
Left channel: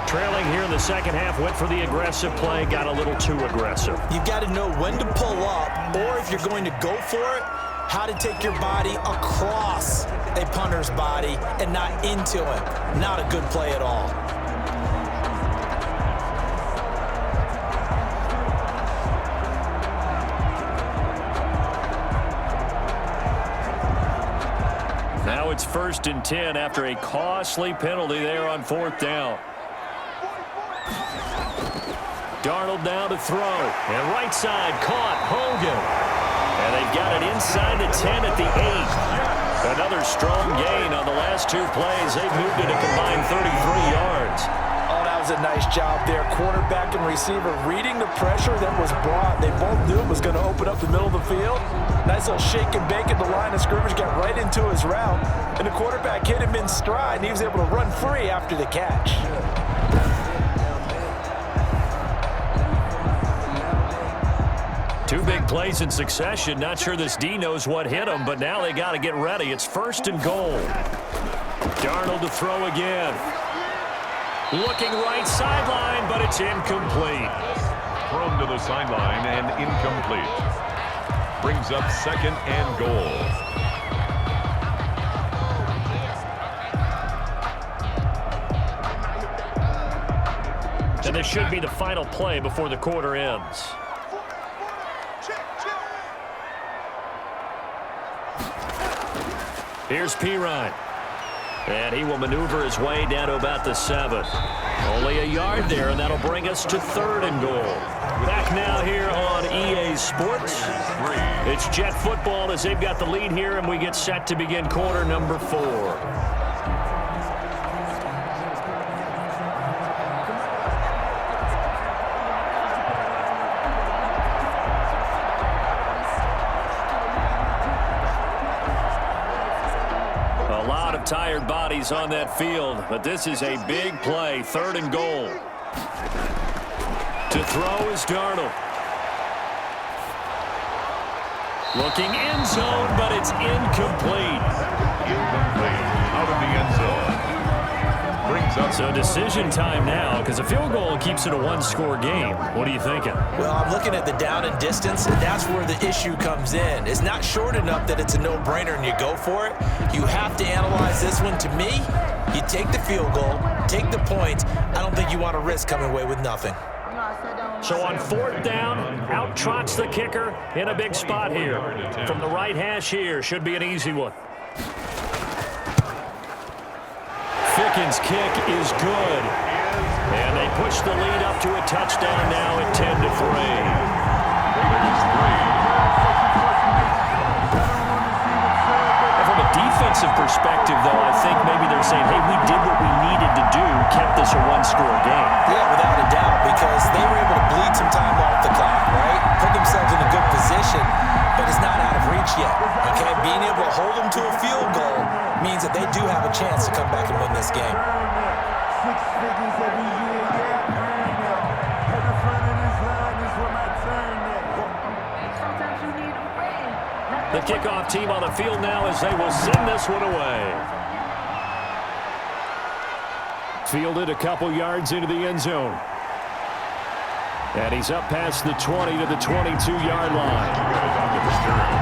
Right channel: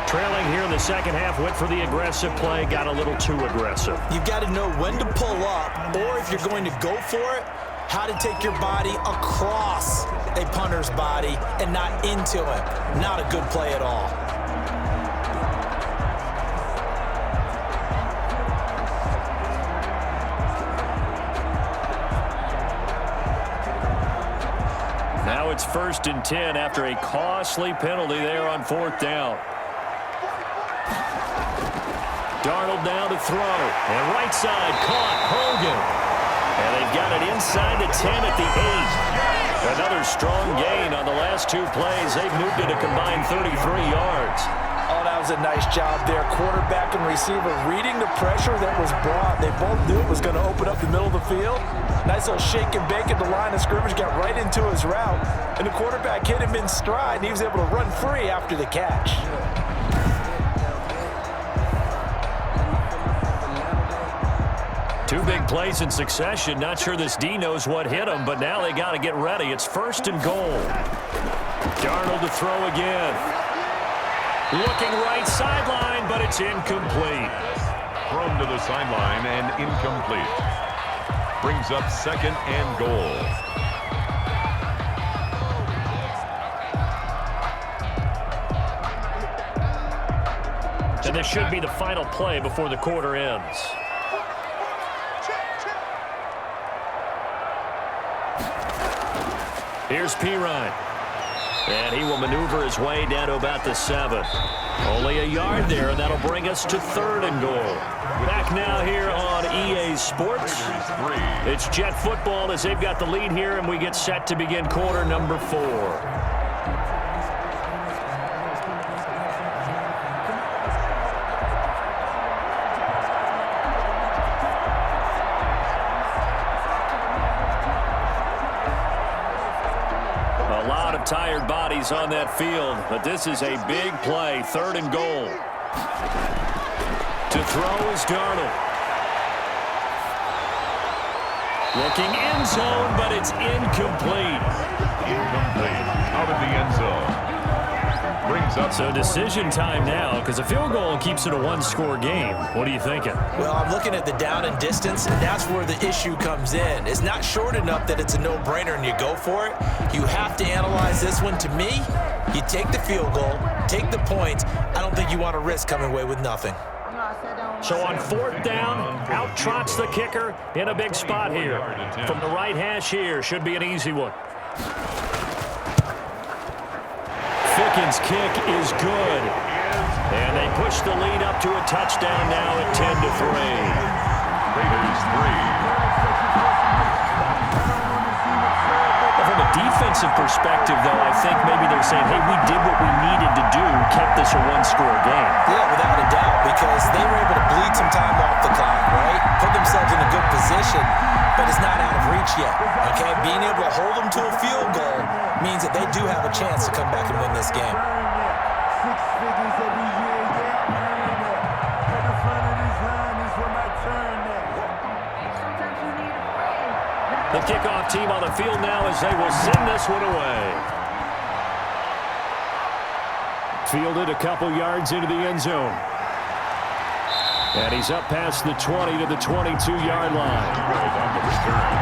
Trailing here in the second half, went for the aggressive play, got a little too aggressive. You've got to know when to pull up, or if you're going to go for it, how to take your body across a punter's body and not into him. Not a good play at all. Now it's 1st and 10 after a costly penalty there on 4th down. Darnold down to throw. And right side caught. Hogan. And they've got it inside the 10 at the 8. Another strong gain on the last 2 plays. They've moved it a combined 33 yards. Oh, that was a nice job there. Quarterback and receiver reading the pressure that was brought. They both knew it was going to open up the middle of the field. Nice little shake and bake at the line of scrimmage, got right into his route. And the quarterback hit him in stride, and he was able to run free after the catch. Two big plays in succession. Not sure this D knows what hit him, but now they got to get ready. It's 1st and goal. Darnold to throw again. Looking right sideline, but it's incomplete. Thrown to the sideline and incomplete. Brings up 2nd and goal. And this should be the final play before the quarter ends. Here's Pirine. And he will maneuver his way down to about the 7. Only a yard there, and that'll bring us to 3rd and goal. Back now here on EA Sports. It's Jet football as they've got the lead here, and we get set to begin quarter number 4. A lot of tired bodies on that field, but this is a big play. 3rd and goal. To throw is Darnold. Looking end zone, but it's incomplete. Incomplete. Out of the end zone. Brings up. So decision time now, because a field goal keeps it a 1-score game. What are you thinking? Well, I'm looking at the down and distance, and that's where the issue comes in. It's not short enough that it's a no-brainer and you go for it. You have to analyze this one. To me, you take the field goal, take the points. I don't think you want to risk coming away with nothing. So on 4th down, out trots the kicker in a big spot here. From the right hash here, should be an easy one. Ficken's kick is good. And they push the lead up to a touchdown now at 10-3. Raiders 3. defensive perspective, though, I think maybe they're saying, hey, we did what we needed to do, kept this a one-score game. Yeah, without a doubt, because they were able to bleed some time off the clock, right? Put themselves in a good position, but it's not out of reach yet, okay? Being able to hold them to a field goal means that they do have a chance to come back and win this game. 6 figures every year, yeah, earn it. At the front of this line is where my turn at. Sometimes you need a friend. The kickoff team on the field now as they will send this one away. Fielded a couple yards into the end zone. And he's up past the 20 to the 22-yard line. On the return.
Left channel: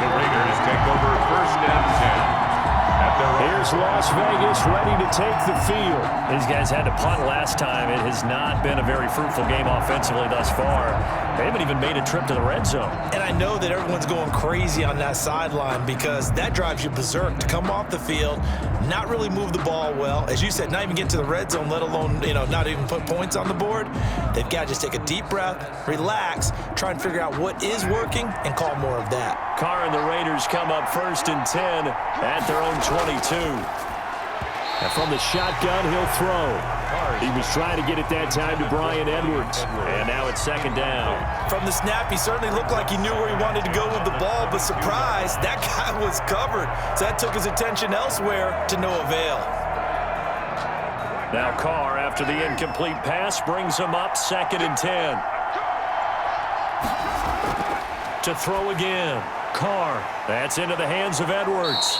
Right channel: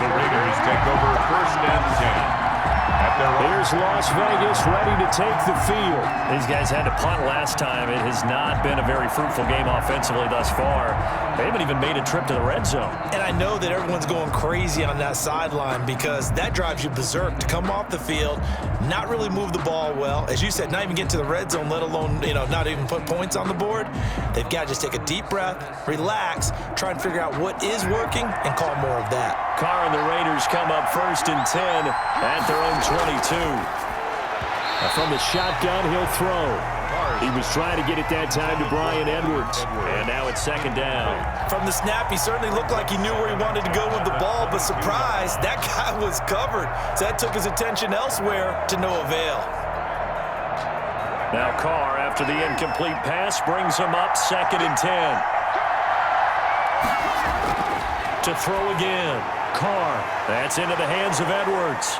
The Raiders take over 1st and 10. Here's Las Vegas ready to take the field. These guys had to punt last time. It has not been a very fruitful game offensively thus far. They haven't even made a trip to the red zone. And I know that everyone's going crazy on that sideline because that drives you berserk to come off the field, not really move the ball well. As you said, not even get to the red zone, let alone, not even put points on the board. They've got to just take a deep breath, relax, try and figure out what is working and call more of that. Carr and the Raiders come up 1st and 10 at their own 22. And from the shotgun, he'll throw. He was trying to get it that time to Bryan Edwards. And now it's 2nd down. From the snap, he certainly looked like he knew where he wanted to go with the ball, but surprise, that guy was covered. So that took his attention elsewhere to no avail. Now Carr, after the incomplete pass, brings him up 2nd and 10. To throw again. Carr. That's into the hands of Edwards.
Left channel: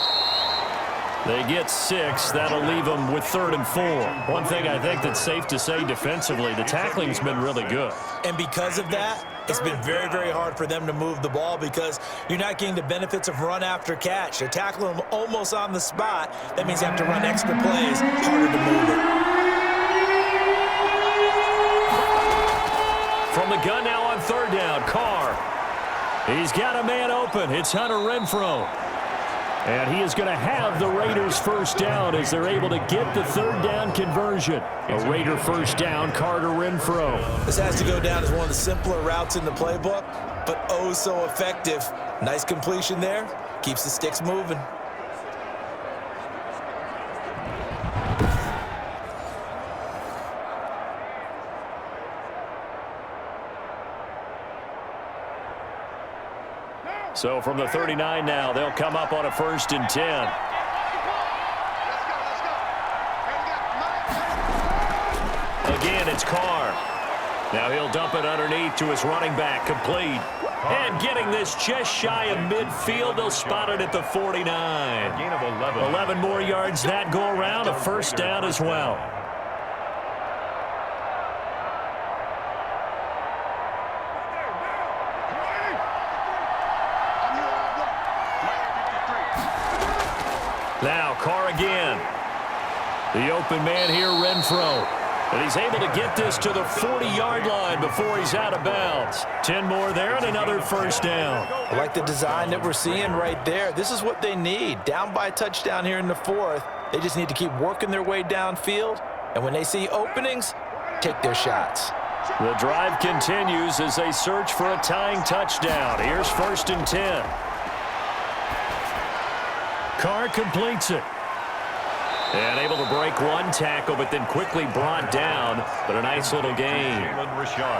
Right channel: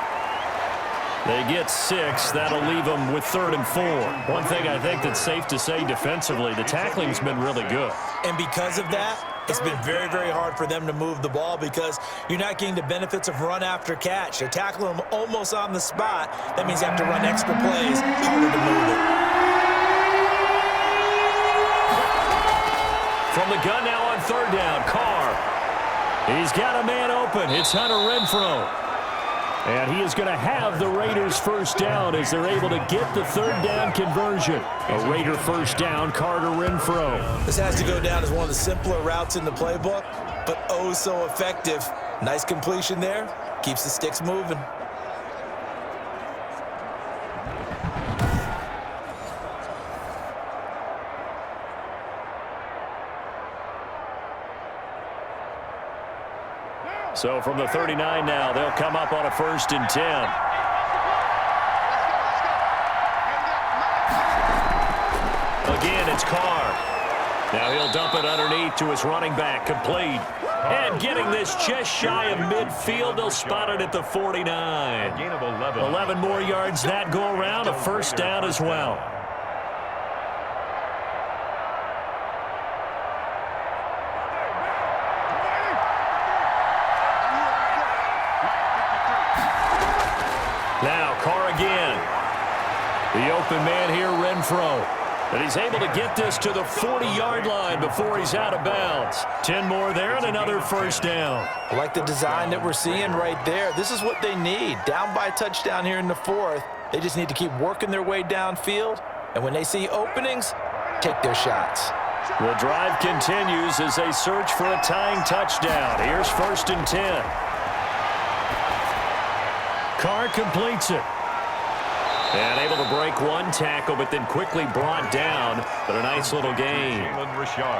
They get 6. That'll leave them with 3rd and 4. One thing I think that's safe to say defensively, the tackling's been really good. And because of that, it's been very, very hard for them to move the ball because you're not getting the benefits of run after catch. They're tackling them almost on the spot. That means you have to run extra plays, harder to move it. From the gun now on 3rd down, Carr. He's got a man open. It's Hunter Renfrow. And he is going to have the Raiders 1st down as they're able to get the 3rd down conversion. A Raider 1st down, Carter Renfrow. This has to go down as one of the simpler routes in the playbook, but oh so effective. Nice completion there. Keeps the sticks moving. So from the 39 now, they'll come up on a 1st and 10. Again, it's Carr. Now he'll dump it underneath to his running back, complete. And getting this just shy of midfield, they'll spot it at the 49. Gain of 11. 11 more yards that go around, a 1st down as well. Now, Carr again. The open man here, Renfrow. And he's able to get this to the 40-yard line before he's out of bounds. 10 more there and another 1st down. I like the design that we're seeing right there. This is what they need. Down by a touchdown here in the 4th. They just need to keep working their way downfield. And when they see openings, take their shots. The drive continues as they search for a tying touchdown. Here's 1st and 10. Carr completes it. And able to break one tackle, but then quickly brought down. But a nice little gain.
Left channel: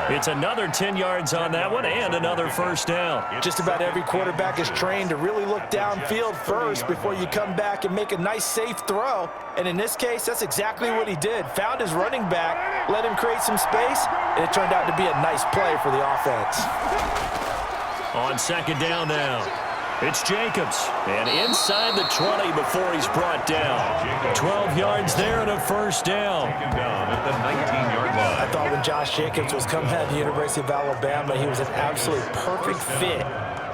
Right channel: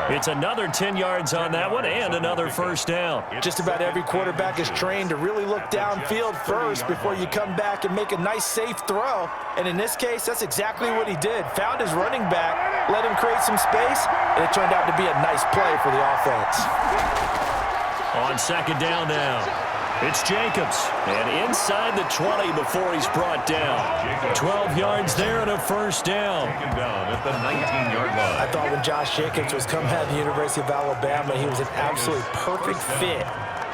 It's another 10 yards on that one and another 1st down. Just about every quarterback is trained to really look downfield first before you come back and make a nice, safe throw. And in this case, that's exactly what he did. Found his running back, let him create some space, and it turned out to be a nice play for the offense. On 2nd down now. It's Jacobs, and inside the 20 before he's brought down. 12 yards there and a 1st down. Taken down at the 19-yard line. I thought when Josh Jacobs was coming out of the University of Alabama, he was an absolutely perfect fit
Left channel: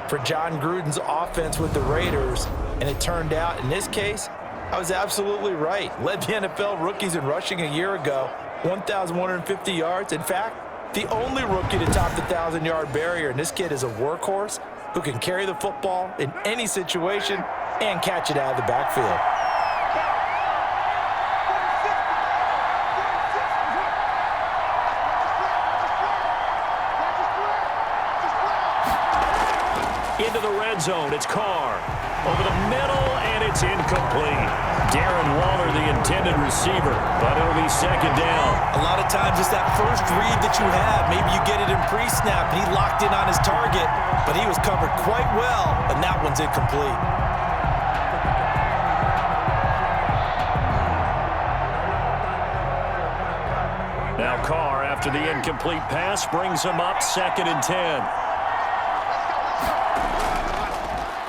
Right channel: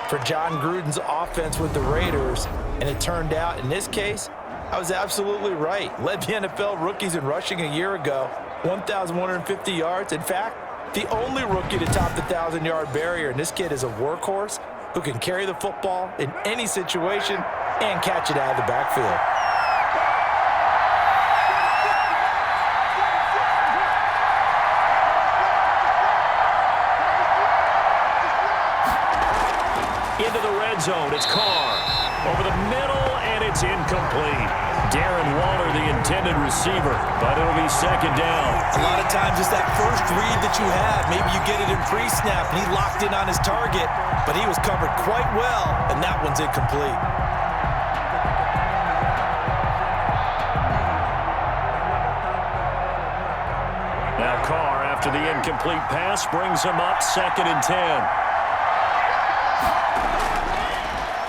for John Gruden's offense with the Raiders, and it turned out, in this case, I was absolutely right. Led the NFL rookies in rushing a year ago, 1,150 yards. In fact, the only rookie to top the 1,000-yard barrier, and this kid is a workhorse who can carry the football in any situation and catch it out of the backfield. Into the red zone, it's Carr. over the middle, and it's incomplete. Darren Waller, the intended receiver, but it'll be second down. A lot of times it's that first read that you have. Maybe you get it in pre-snap, and he locked in on his target, but he was covered quite well, and that one's incomplete. Now Carr, after the incomplete pass, brings him up 2nd and 10.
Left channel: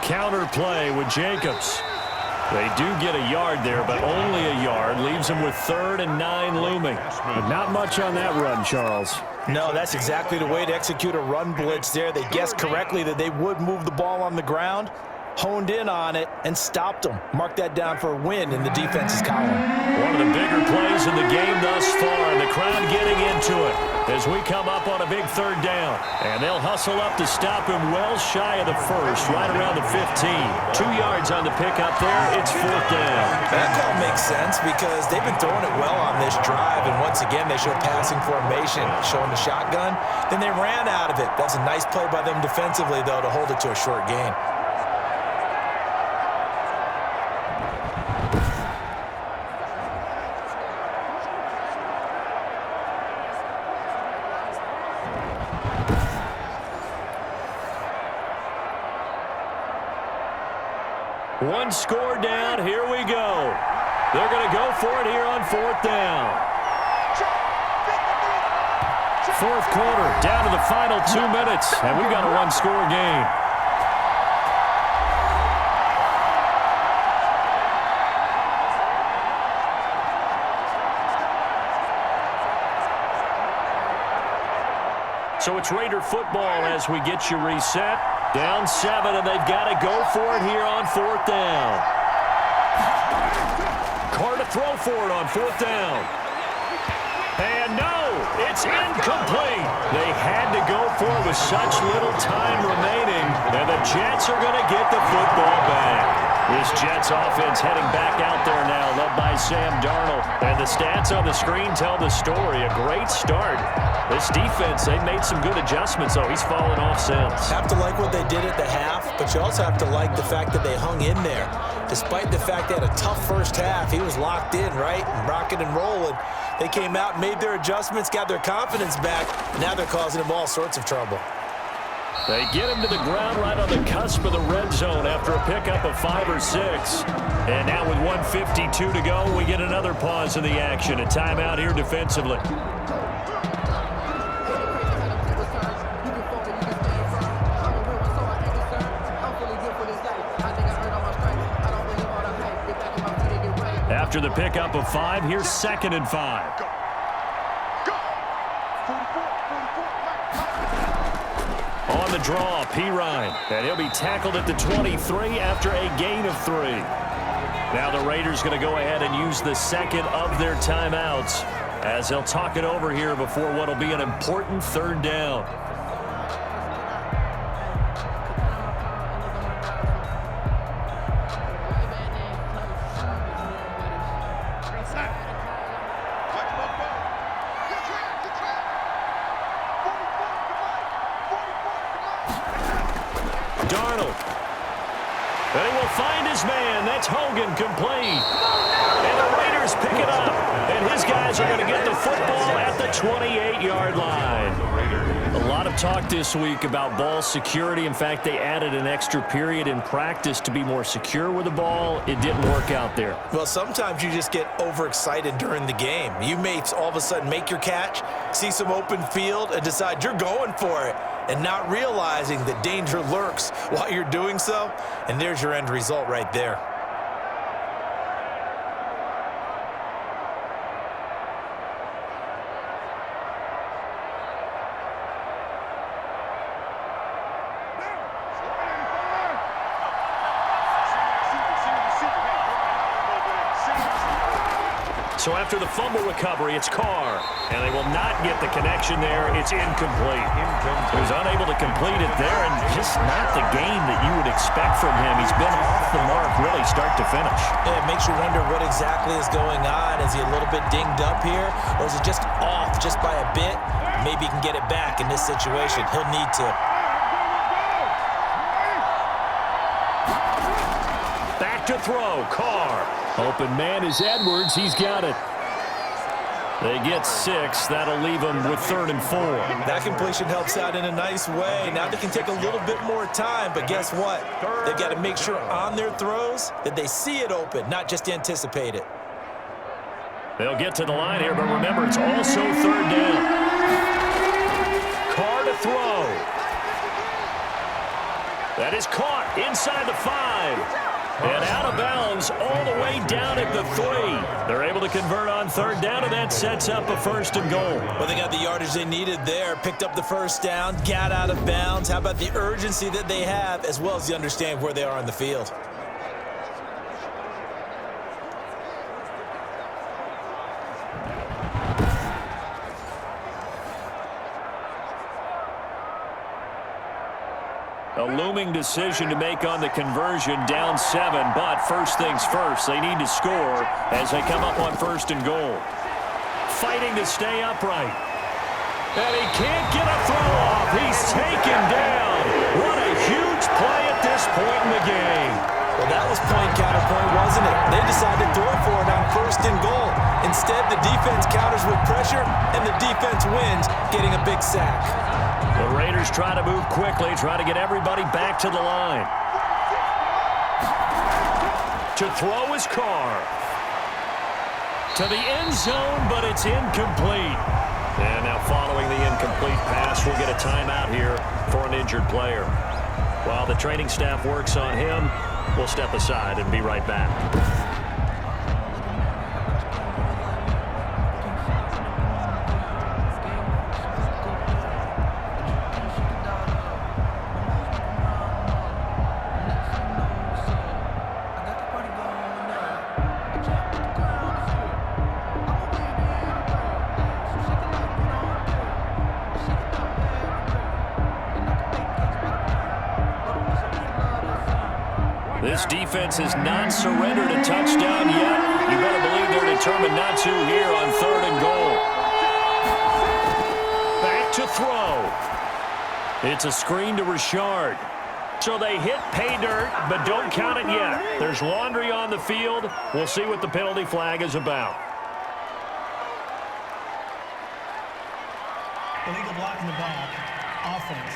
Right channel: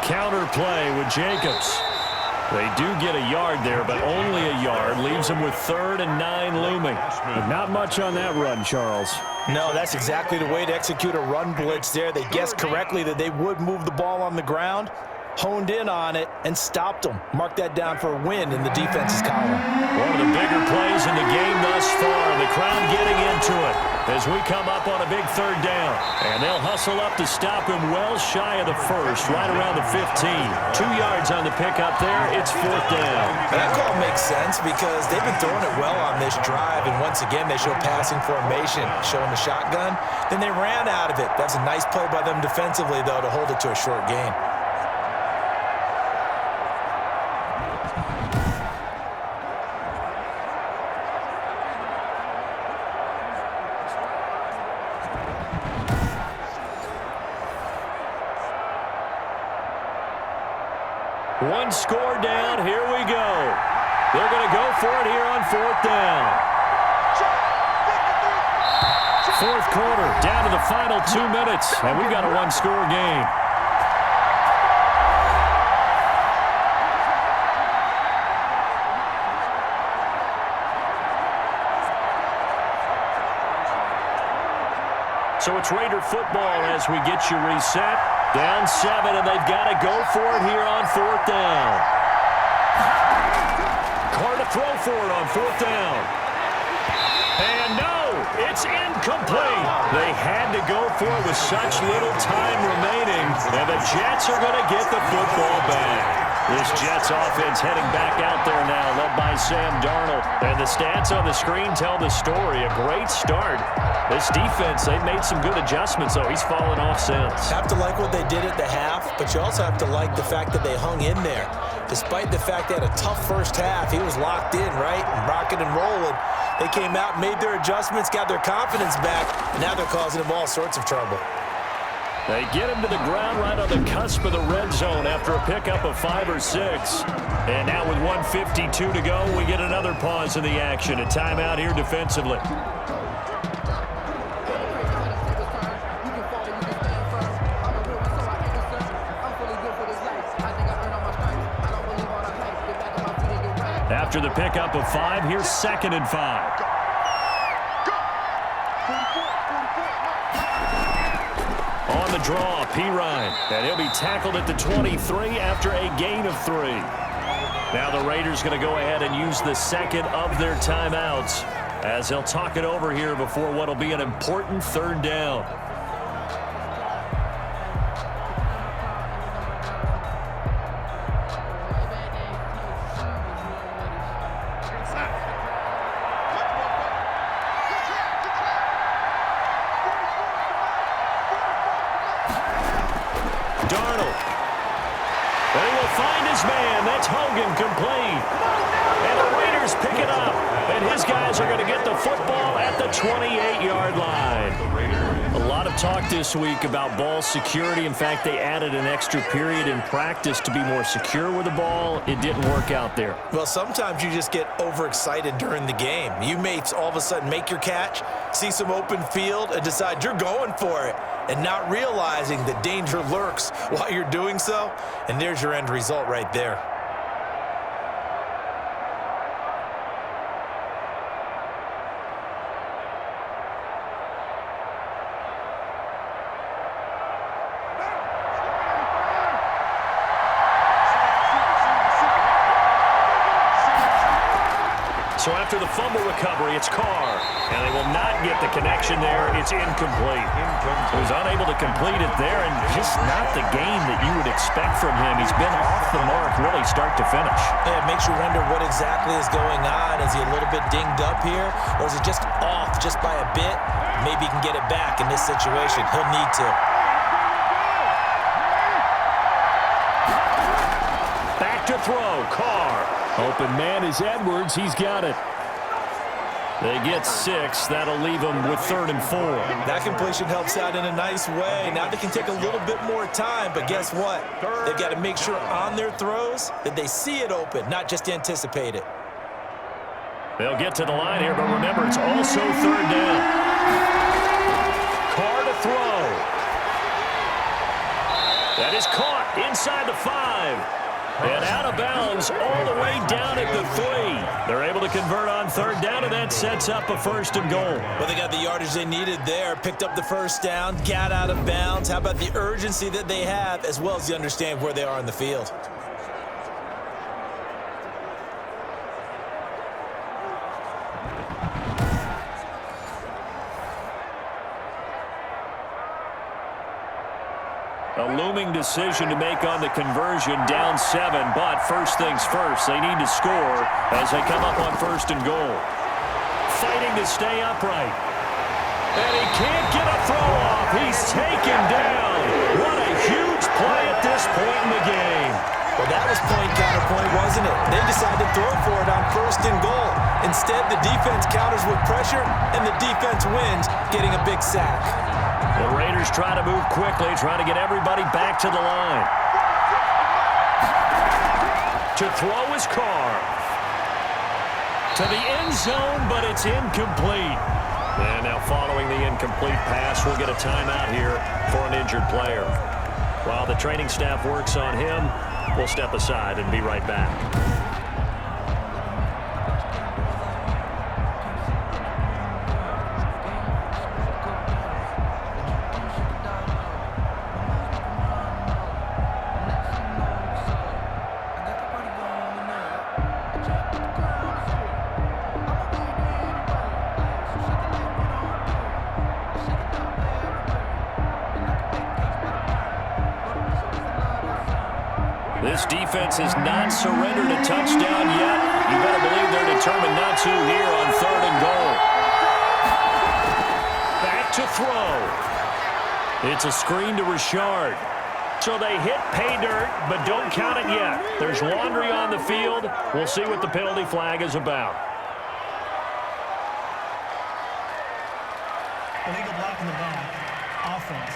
Counter play with Jacobs. They do get a yard there, but only a yard. Leaves them with 3rd and 9 looming. But not much on that run, Charles. No, that's exactly the way to execute a run blitz there. They guessed correctly that they would move the ball on the ground, honed in on it, and stopped them. Mark that down for a win in the defense's column. One of the bigger plays in the game thus far, and the crowd getting into it as we come up on a big 3rd down. And they'll hustle up to stop him well shy of the first, right around the 15. 2 yards on the pickup there. It's 4th down. That call makes sense because they've been throwing it well on this drive, and once again they show passing formation, showing the shotgun. Then they ran out of it. That's a nice play by them defensively, though, to hold it to a short gain. One score down. Here we go. They're going to go for it here on 4th down. 4th quarter, down to the final 2 minutes, and we've got a one-score game. So it's Raider football as we get you reset. Down 7, and they've got to go for it here on 4th down. Carr to throw for it on 4th down. And no, it's incomplete. They had to go for it with such little time remaining, and the Jets are going to get the football back. This Jets offense heading back out there now, led by Sam Darnold. And the stats on the screen tell the story. A great start. This defense, they made some good adjustments, though. He's fallen off since. Have to like what they did at the half, but you also have to like the fact that they hung in there. Despite the fact they had a tough first half, he was locked in, right, and rocking and rolling. They came out, made their adjustments, got their confidence back. Now they're causing him all sorts of trouble. They get him to the ground right on the cusp of the red zone after a pickup of 5 or 6. And now with 1:52 to go, we get another pause in the action. A timeout here defensively. After the pickup of 5, here's 2nd and 5. On the draw, Pirine, and he'll be tackled at the 23 after a gain of 3. Now the Raiders going to go ahead and use the 2nd of their timeouts as they'll talk it over here before what will be an important 3rd down. Darnold. And he will find his man. That's Hogan, complete. And the Raiders pick it up. And his guys are going to get the football at the 28-yard line. A lot of talk this week about ball security. In fact, they added an extra period in practice to be more secure with the ball. It didn't work out there. Well, sometimes you just get overexcited during the game. You may all of a sudden make your catch, see some open field, and decide you're going for it, and not realizing that danger lurks while you're doing so. And there's your end result right there. So after the fumble recovery, it's Carr. And they will not get the connection there. It's incomplete. He was unable to complete it there, and just not the game that you would expect from him. He's been off the mark really start to finish. Yeah, it makes you wonder what exactly is going on. Is he a little bit dinged up here, or is it just off just by a bit? Maybe he can get it back in this situation. He'll need to. to throw. Carr. Open man is Edwards. He's got it. They get 6. That'll leave them with 3rd and 4. That completion helps out in a nice way. Now they can take a little bit more time, but guess what? They've got to make sure on their throws that they see it open, not just anticipate it. They'll get to the line here, but remember, it's also 3rd down. Carr to throw. That is caught inside the 5. And out of bounds all the way down at the 3. They're able to convert on 3rd down, and that sets up a 1st and goal. Well, they got the yardage they needed there, picked up the 1st down, got out of bounds. How about the urgency that they have, as well as you understand where they are on the field? A looming decision to make on the conversion, down 7, but first things first, they need to score as they come up on 1st and goal. Fighting to stay upright. And he can't get a throw off. He's taken down. What a huge play at this point in the game. Well, that was point counterpoint, wasn't it? They decided to throw for it on 1st and goal. Instead, the defense counters with pressure, and the defense wins, getting a big sack. The Raiders try to move quickly, try to get everybody back to the line. To throw is Carr. To the end zone, but it's incomplete. And now following the incomplete pass, we'll get a timeout here for an injured player. While the training staff works on him, we'll step aside and be right back. This defense has not surrendered a touchdown yet. You better believe they're determined not to here on 3rd and goal. Back to throw. It's a screen to Richard. So they hit pay dirt, but don't count it yet. There's laundry on the field. We'll see what the penalty flag is about. Illegal block in the back. Offense.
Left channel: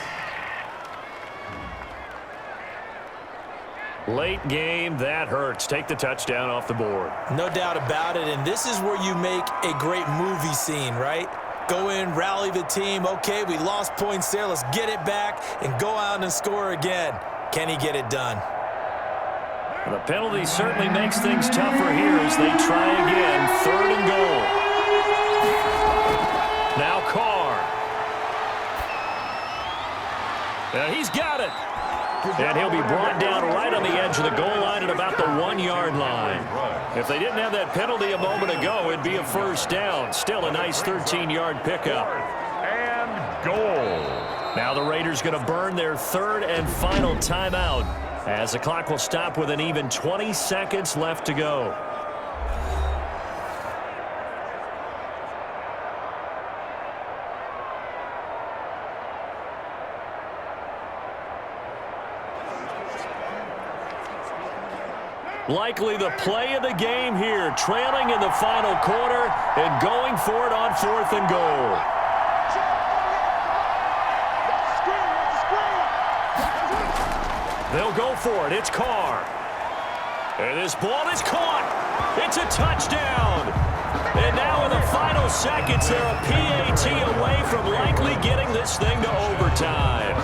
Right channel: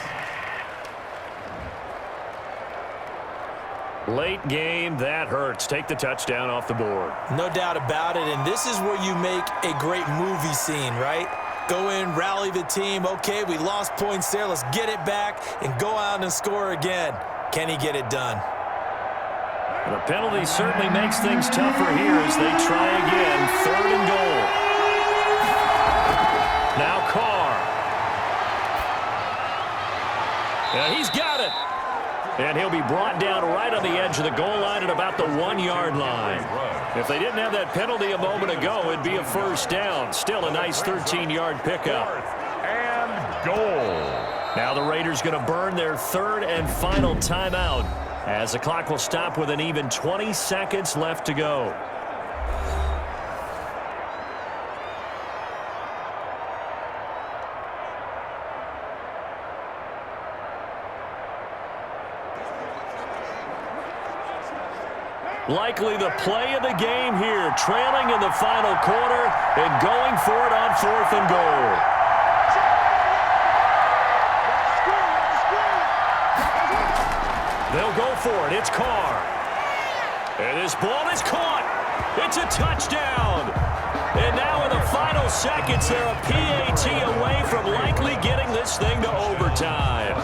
Late game, that hurts. Take the touchdown off the board. No doubt about it, and this is where you make a great movie scene, right? Go in, rally the team. Okay, we lost points there. Let's get it back and go out and score again. Can he get it done? The penalty certainly makes things tougher here as they try again. 3rd and goal. Now Carr. And he's got it. And he'll be brought down right on the edge of the goal line at about the 1-yard line. If they didn't have that penalty a moment ago, it'd be a 1st down. Still a nice 13-yard pickup. 4th and goal. Now the Raiders going to burn their 3rd and final timeout as the clock will stop with an even 20 seconds left to go. Likely the play of the game here, trailing in the final quarter and going for it on 4th and goal. They'll go for it. It's Carr. And this ball is caught. It's a touchdown. And now in the final seconds, they're a PAT away from likely getting this thing to overtime.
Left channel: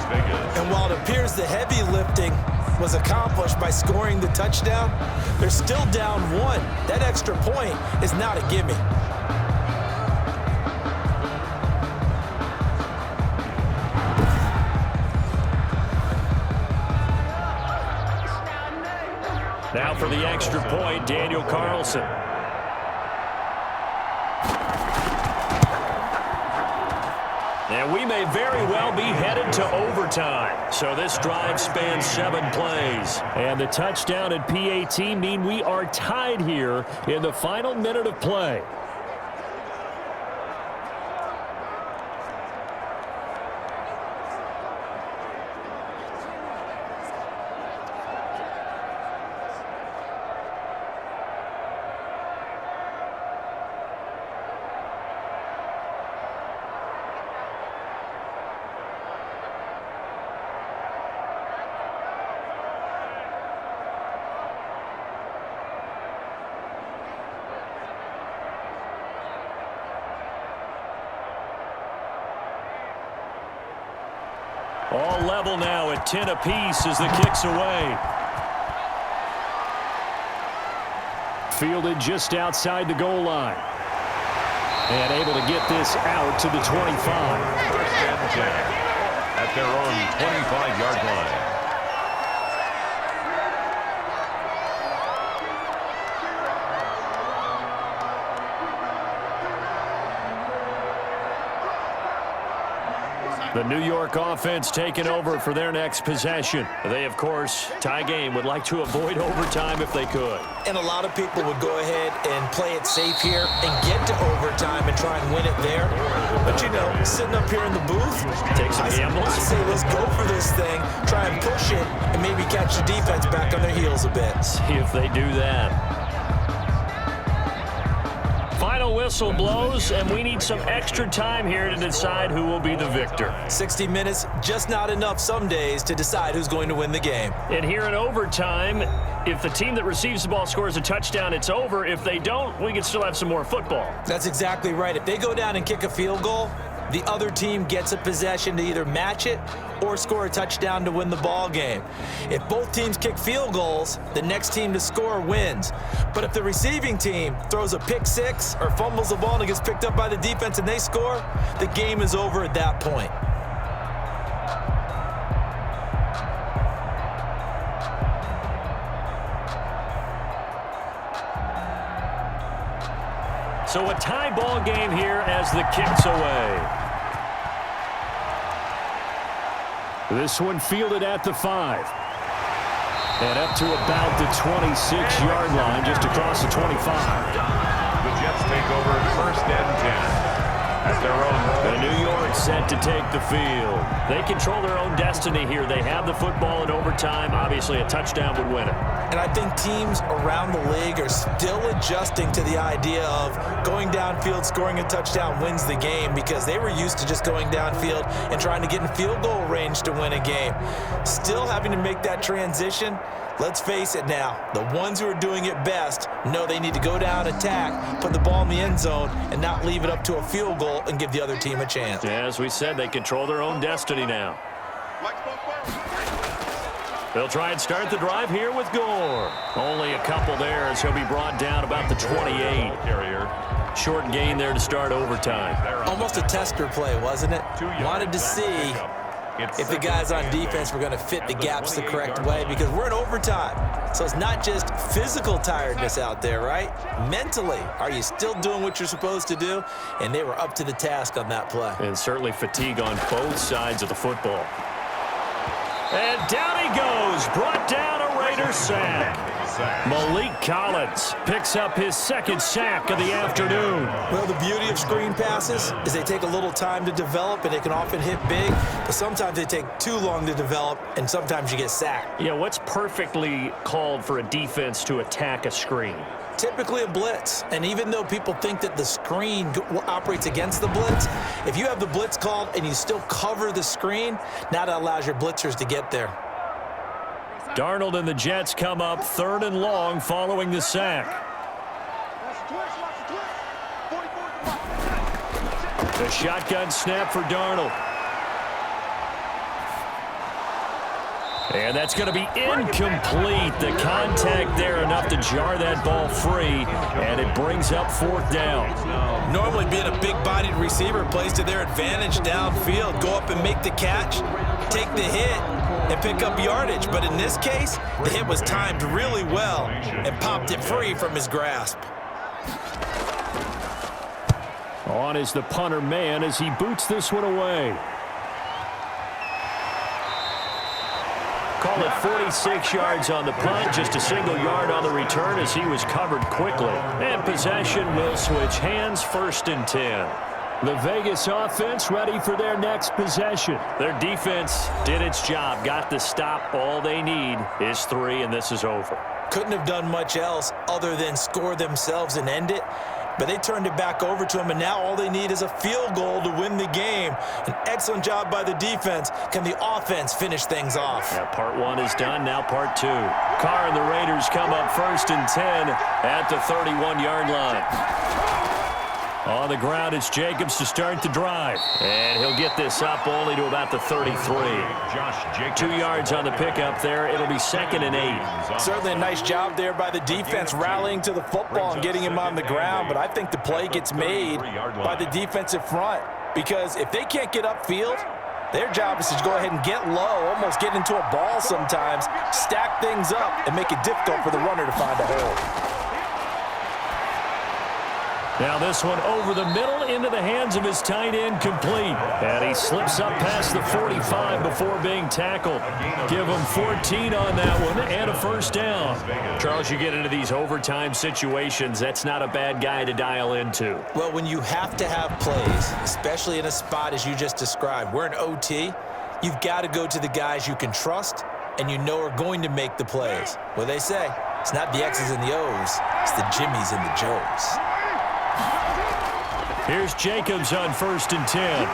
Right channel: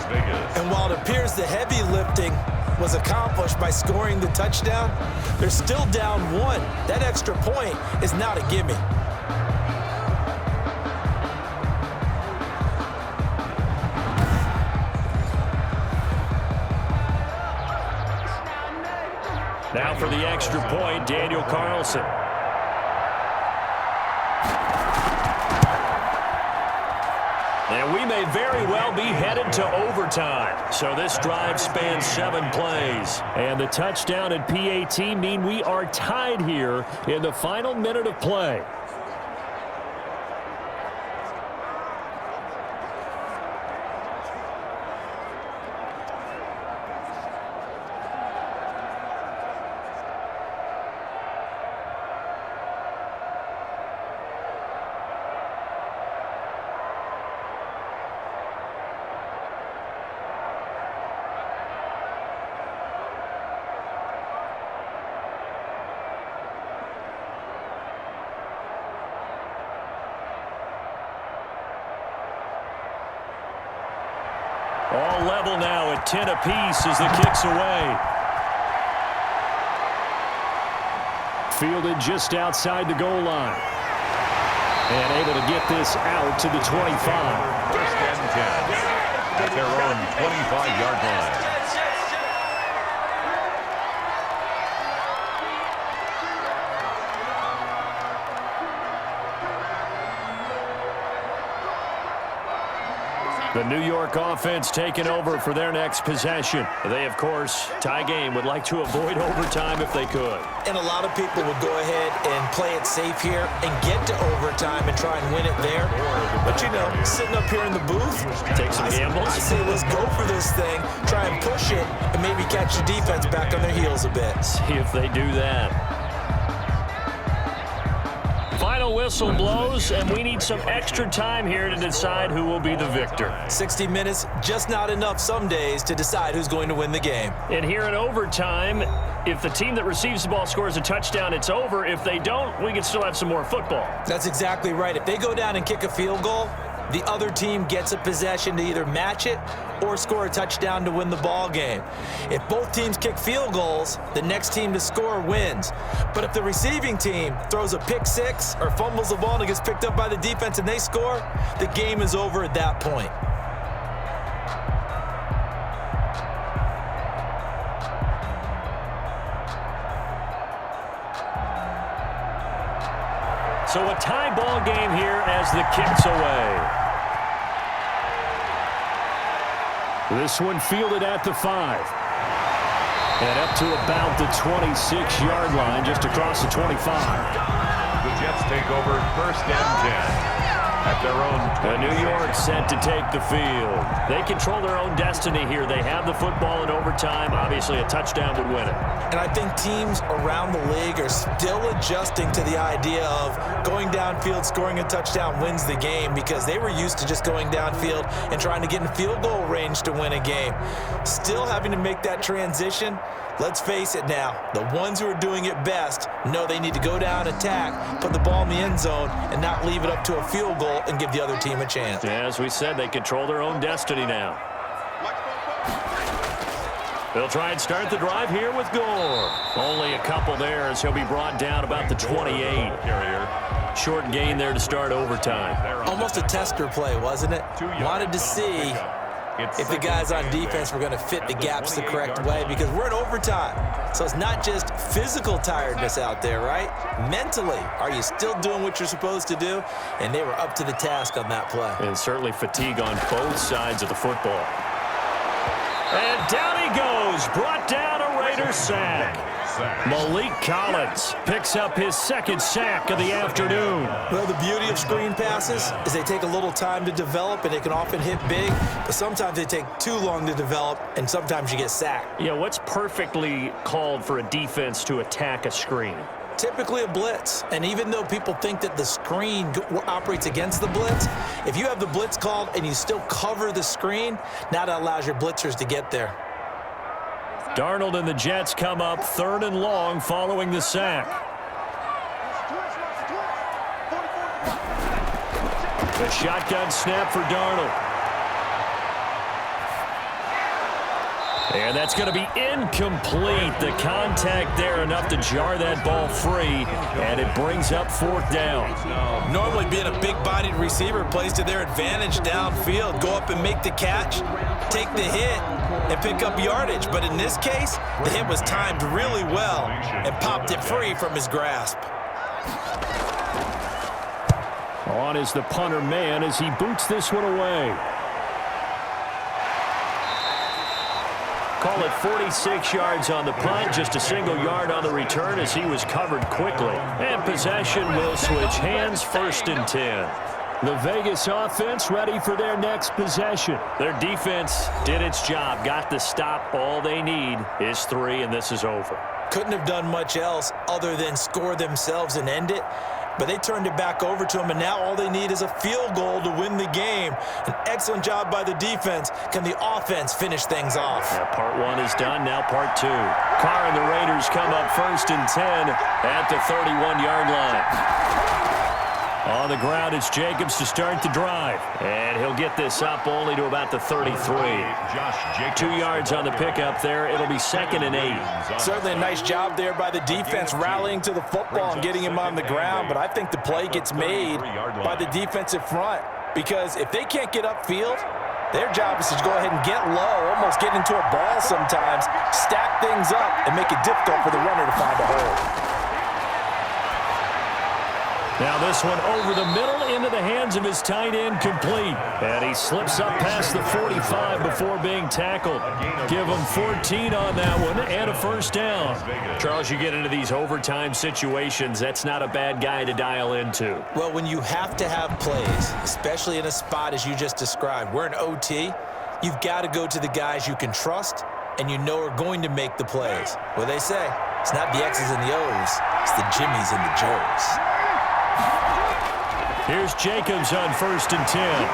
And while it appears the heavy lifting was accomplished by scoring the touchdown, they're still down 1. That extra point is not a gimme. Now for the extra point, Daniel Carlson. And we may very well be headed to overtime. So this drive spans 7 plays. And the touchdown and PAT mean we are tied here in the final minute of play. All level now at 10 apiece as the kick's away. Fielded just outside the goal line. And able to get this out to the 25. First and 10 at their own 25-yard line. The New York offense taking over for their next possession. They, of course, tie game, would like to avoid overtime if they could. And a lot of people would go ahead and play it safe here and get to overtime and try and win it there. But, you know, sitting up here in the booth, take some gambles. I say let's go for this thing, try and push it, and maybe catch the defense back on their heels a bit. See if they do that. Final whistle blows, and we need some extra time here to decide who will be the victor. 60 minutes, just not enough some days to decide who's going to win the game. And here in overtime, if the team that receives the ball scores a touchdown, it's over. If they don't, we can still have some more football. That's exactly right. If they go down and kick a field goal, the other team gets a possession to either match it or score a touchdown to win the ball game. If both teams kick field goals, the next team to score wins. But if the receiving team throws a pick six or fumbles the ball and it gets picked up by the defense and they score, the game is over at that point. So a tie ball game here as the kick's away. This one fielded at the 5. And up to about the 26-yard line, just across the 25. The Jets take over first and 10 at their own. The New York set to take the field. They control their own destiny here. They have the football in overtime. Obviously, a touchdown would win it. And I think teams around the league are still adjusting to the idea of going downfield, scoring a touchdown wins the game, because they were used to just going downfield and trying to get in field goal range to win a game. Still having to make that transition. Let's face it now, the ones who are doing it best know they need to go down, attack, put the ball in the end zone, and not leave it up to a field goal and give the other team a chance. Yeah, as we said, they control their own destiny now. They'll try and start the drive here with Gore. Only a couple there as he'll be brought down about the 28. Short gain there to start overtime. Almost a tester play, wasn't it? Wanted to see if the guys on defense were going to fit the gaps the correct way, because we're in overtime. So it's not just physical tiredness out there, right? Mentally, are you still doing what you're supposed to do? And they were up to the task on that play. And certainly fatigue on both sides of the football. And down he goes, brought down a Raider sack. Malik Collins picks up his second sack of the afternoon. Well, the beauty of screen passes is they take a little time to develop, and they can often hit big, but sometimes they take too long to develop, and sometimes you get sacked. Yeah, what's perfectly called for a defense to attack a screen? Typically a blitz, and even though people think that the screen operates against the blitz, if you have the blitz called and you still cover the screen, now that allows your blitzers to get there. Darnold and the Jets come up 3rd and long following the sack. The shotgun snap for Darnold. And that's going to be incomplete. The contact there enough to jar that ball free, and it brings up 4th down. Normally being a big-bodied receiver plays to their advantage downfield. Go up and make the catch, take the hit, and pick up yardage. But in this case, the hit was timed really well and popped it free from his grasp. On is the punter man as he boots this one away. Call it 46 yards on the punt, just a single yard on the return as he was covered quickly. And possession will switch hands, 1st and 10. The Vegas offense ready for their next possession. Their defense did its job, got the stop. All they need is 3, and this is over. Couldn't have done much else other than score themselves and end it. But they turned it back over to him, and now all they need is a field goal to win the game. An excellent job by the defense. Can the offense finish things off? Yeah, part 1 is done, now part 2. Carr and the Raiders come up 1st and 10 at the 31-yard line. On the ground, it's Jacobs to start the drive. And he'll get this up only to about the 33. 2 yards on the pickup there. It'll be 2nd and 8. Certainly a nice job there by the defense rallying to the football and getting him on the ground, but I think the play gets made by the defensive front because if they can't get upfield, their job is to go ahead and get low, almost get into a ball sometimes, stack things up, and make it difficult for the runner to find a hole. Now this one over the middle into the hands of his tight end, complete. And he slips up past the 45 before being tackled. Give him 14 on that one and a first down. Charles, you get into these overtime situations, that's not a bad guy to dial into. Well, when you have to have plays, especially in a spot as you just described, we're in OT, you've got to go to the guys you can trust and you know are going to make the plays. Well, they say, it's not the X's and the O's, it's the Jimmies and the Joes. Here's Jacobs on 1st and 10.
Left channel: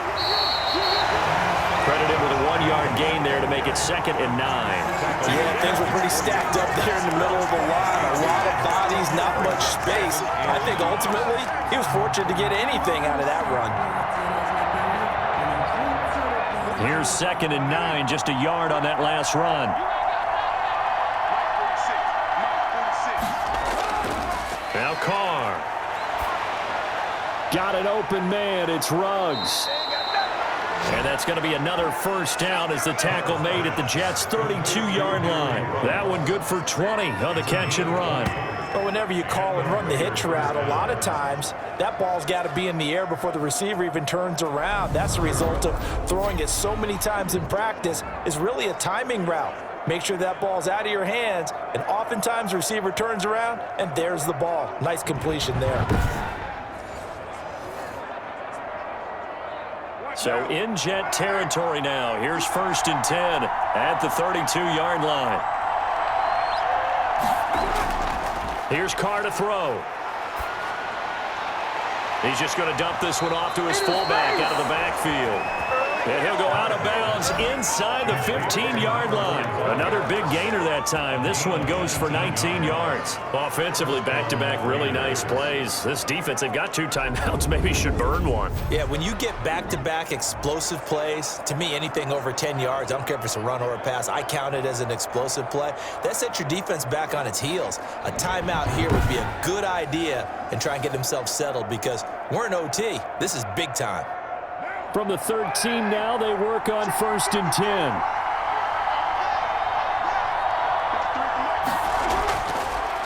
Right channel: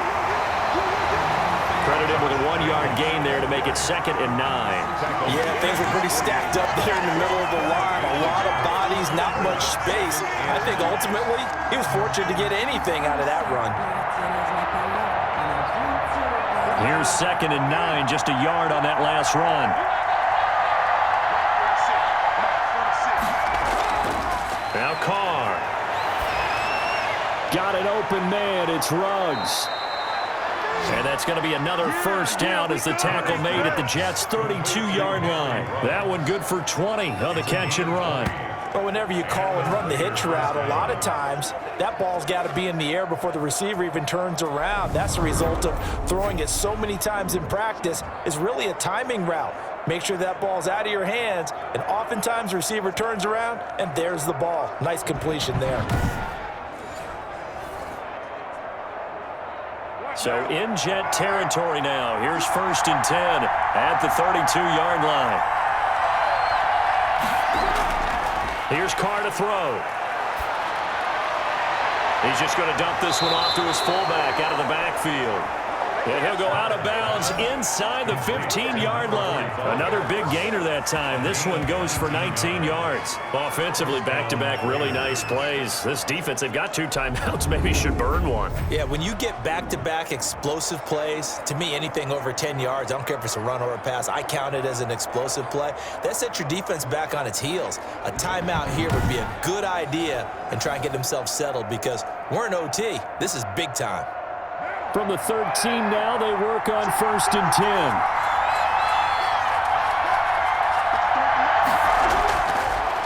Credited with a 1-yard gain there to make it 2nd and 9. Yeah, things were pretty stacked up there in the middle of the line. A lot of bodies, not much space. I think ultimately he was fortunate to get anything out of that run. Here's 2nd and 9, just a yard on that last run. Now Carr. Got an open man. It's Ruggs. And that's going to be another first down as the tackle made at the Jets' 32-yard line. That one good for 20 on the catch and run. But whenever you call and run the hitch route, a lot of times that ball's got to be in the air before the receiver even turns around. That's the result of throwing it so many times in practice. It's really a timing route. Make sure that ball's out of your hands, and oftentimes the receiver turns around, and there's the ball. Nice completion there. So in Jet territory now. Here's 1st and 10 at the 32-yard line. Here's Carr to throw. He's just going to dump this one off to his fullback out of the backfield. And he'll go out of bounds inside the 15-yard line. Another big gainer that time. This one goes for 19 yards. Offensively, back-to-back really nice plays. This defense, they've got 2 timeouts, maybe should burn one. Yeah, when you get back-to-back explosive plays, to me, anything over 10 yards, I don't care if it's a run or a pass, I count it as an explosive play. That sets your defense back on its heels. A timeout here would be a good idea and try and get themselves settled because we're in OT. This is big time. From the 13 now, they work on 1st and 10.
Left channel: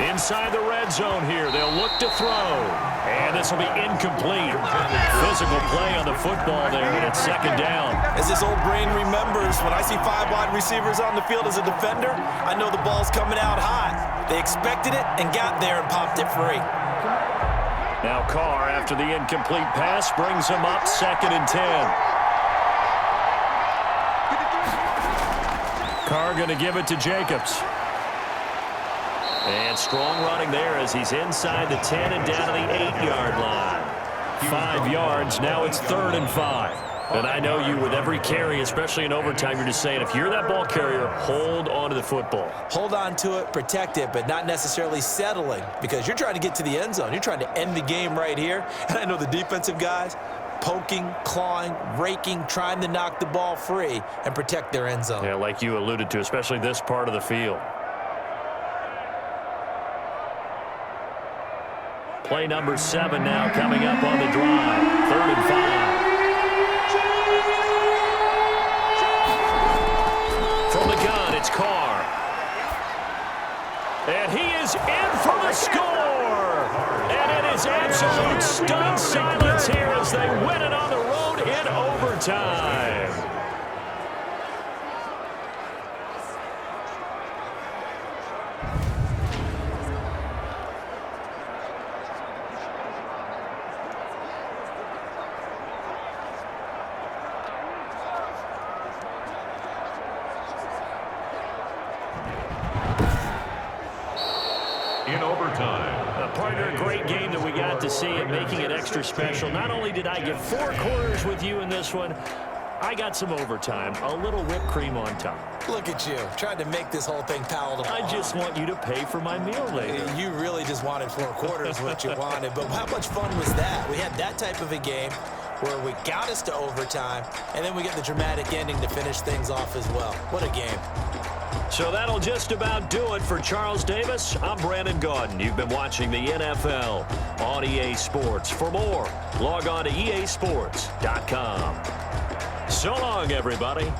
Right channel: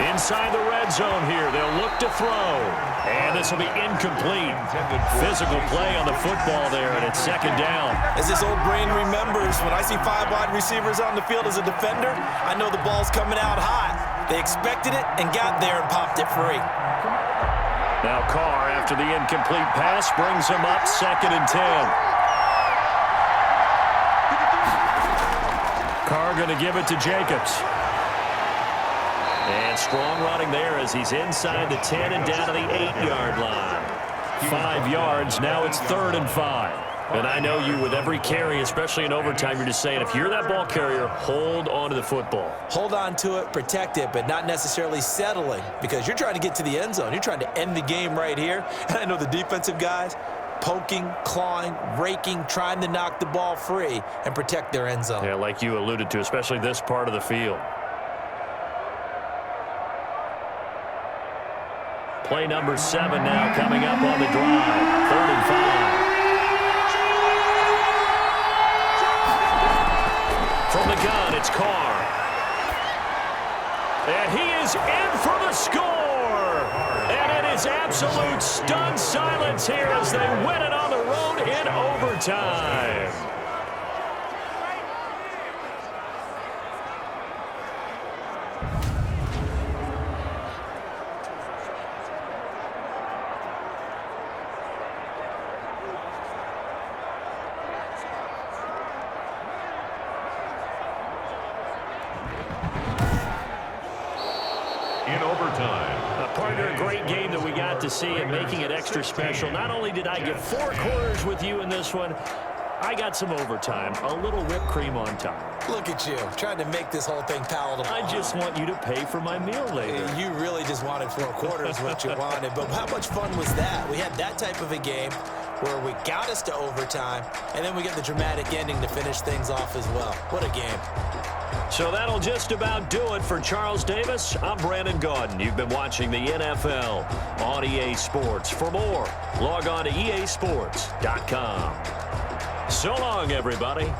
Inside the red zone here, they'll look to throw. And this will be incomplete. Physical play on the football there, and it's 2nd down. As this old brain remembers, when I see 5 wide receivers on the field as a defender, I know the ball's coming out hot. They expected it and got there and popped it free. Now Carr, after the incomplete pass, brings him up 2nd and 10. Carr going to give it to Jacobs. And strong running there as he's inside the 10 and down to the 8-yard line. 5 yards, now it's 3rd and 5. And I know you, with every carry, especially in overtime, you're just saying, if you're that ball carrier, hold on to the football. Hold on to it, protect it, but not necessarily settling because you're trying to get to the end zone. You're trying to end the game right here. And I know the defensive guys poking, clawing, raking, trying to knock the ball free and protect their end zone. Yeah, like you alluded to, especially this part of the field. Play number 7 now coming up on the drive. 3rd and 5. From the gun, it's Carr. And he is in for the score. And it is absolute stunned silence here as they win it on the road in overtime. In overtime. Partner, a great game that we got to see and making it extra special. Not only did I get 4 quarters with you in this one, I got some overtime, a little whipped cream on top. Look at you, trying to make this whole thing palatable. I just want you to pay for my meal later. You really just wanted 4 quarters what you wanted, but how much fun was that? We had that type of a game where we got us to overtime, and then we get the dramatic ending to finish things off as well. What a game. So that'll just about do it for Charles Davis. I'm Brandon Gaudin. You've been watching the NFL on EA Sports. For more, log on to easports.com. So long, everybody.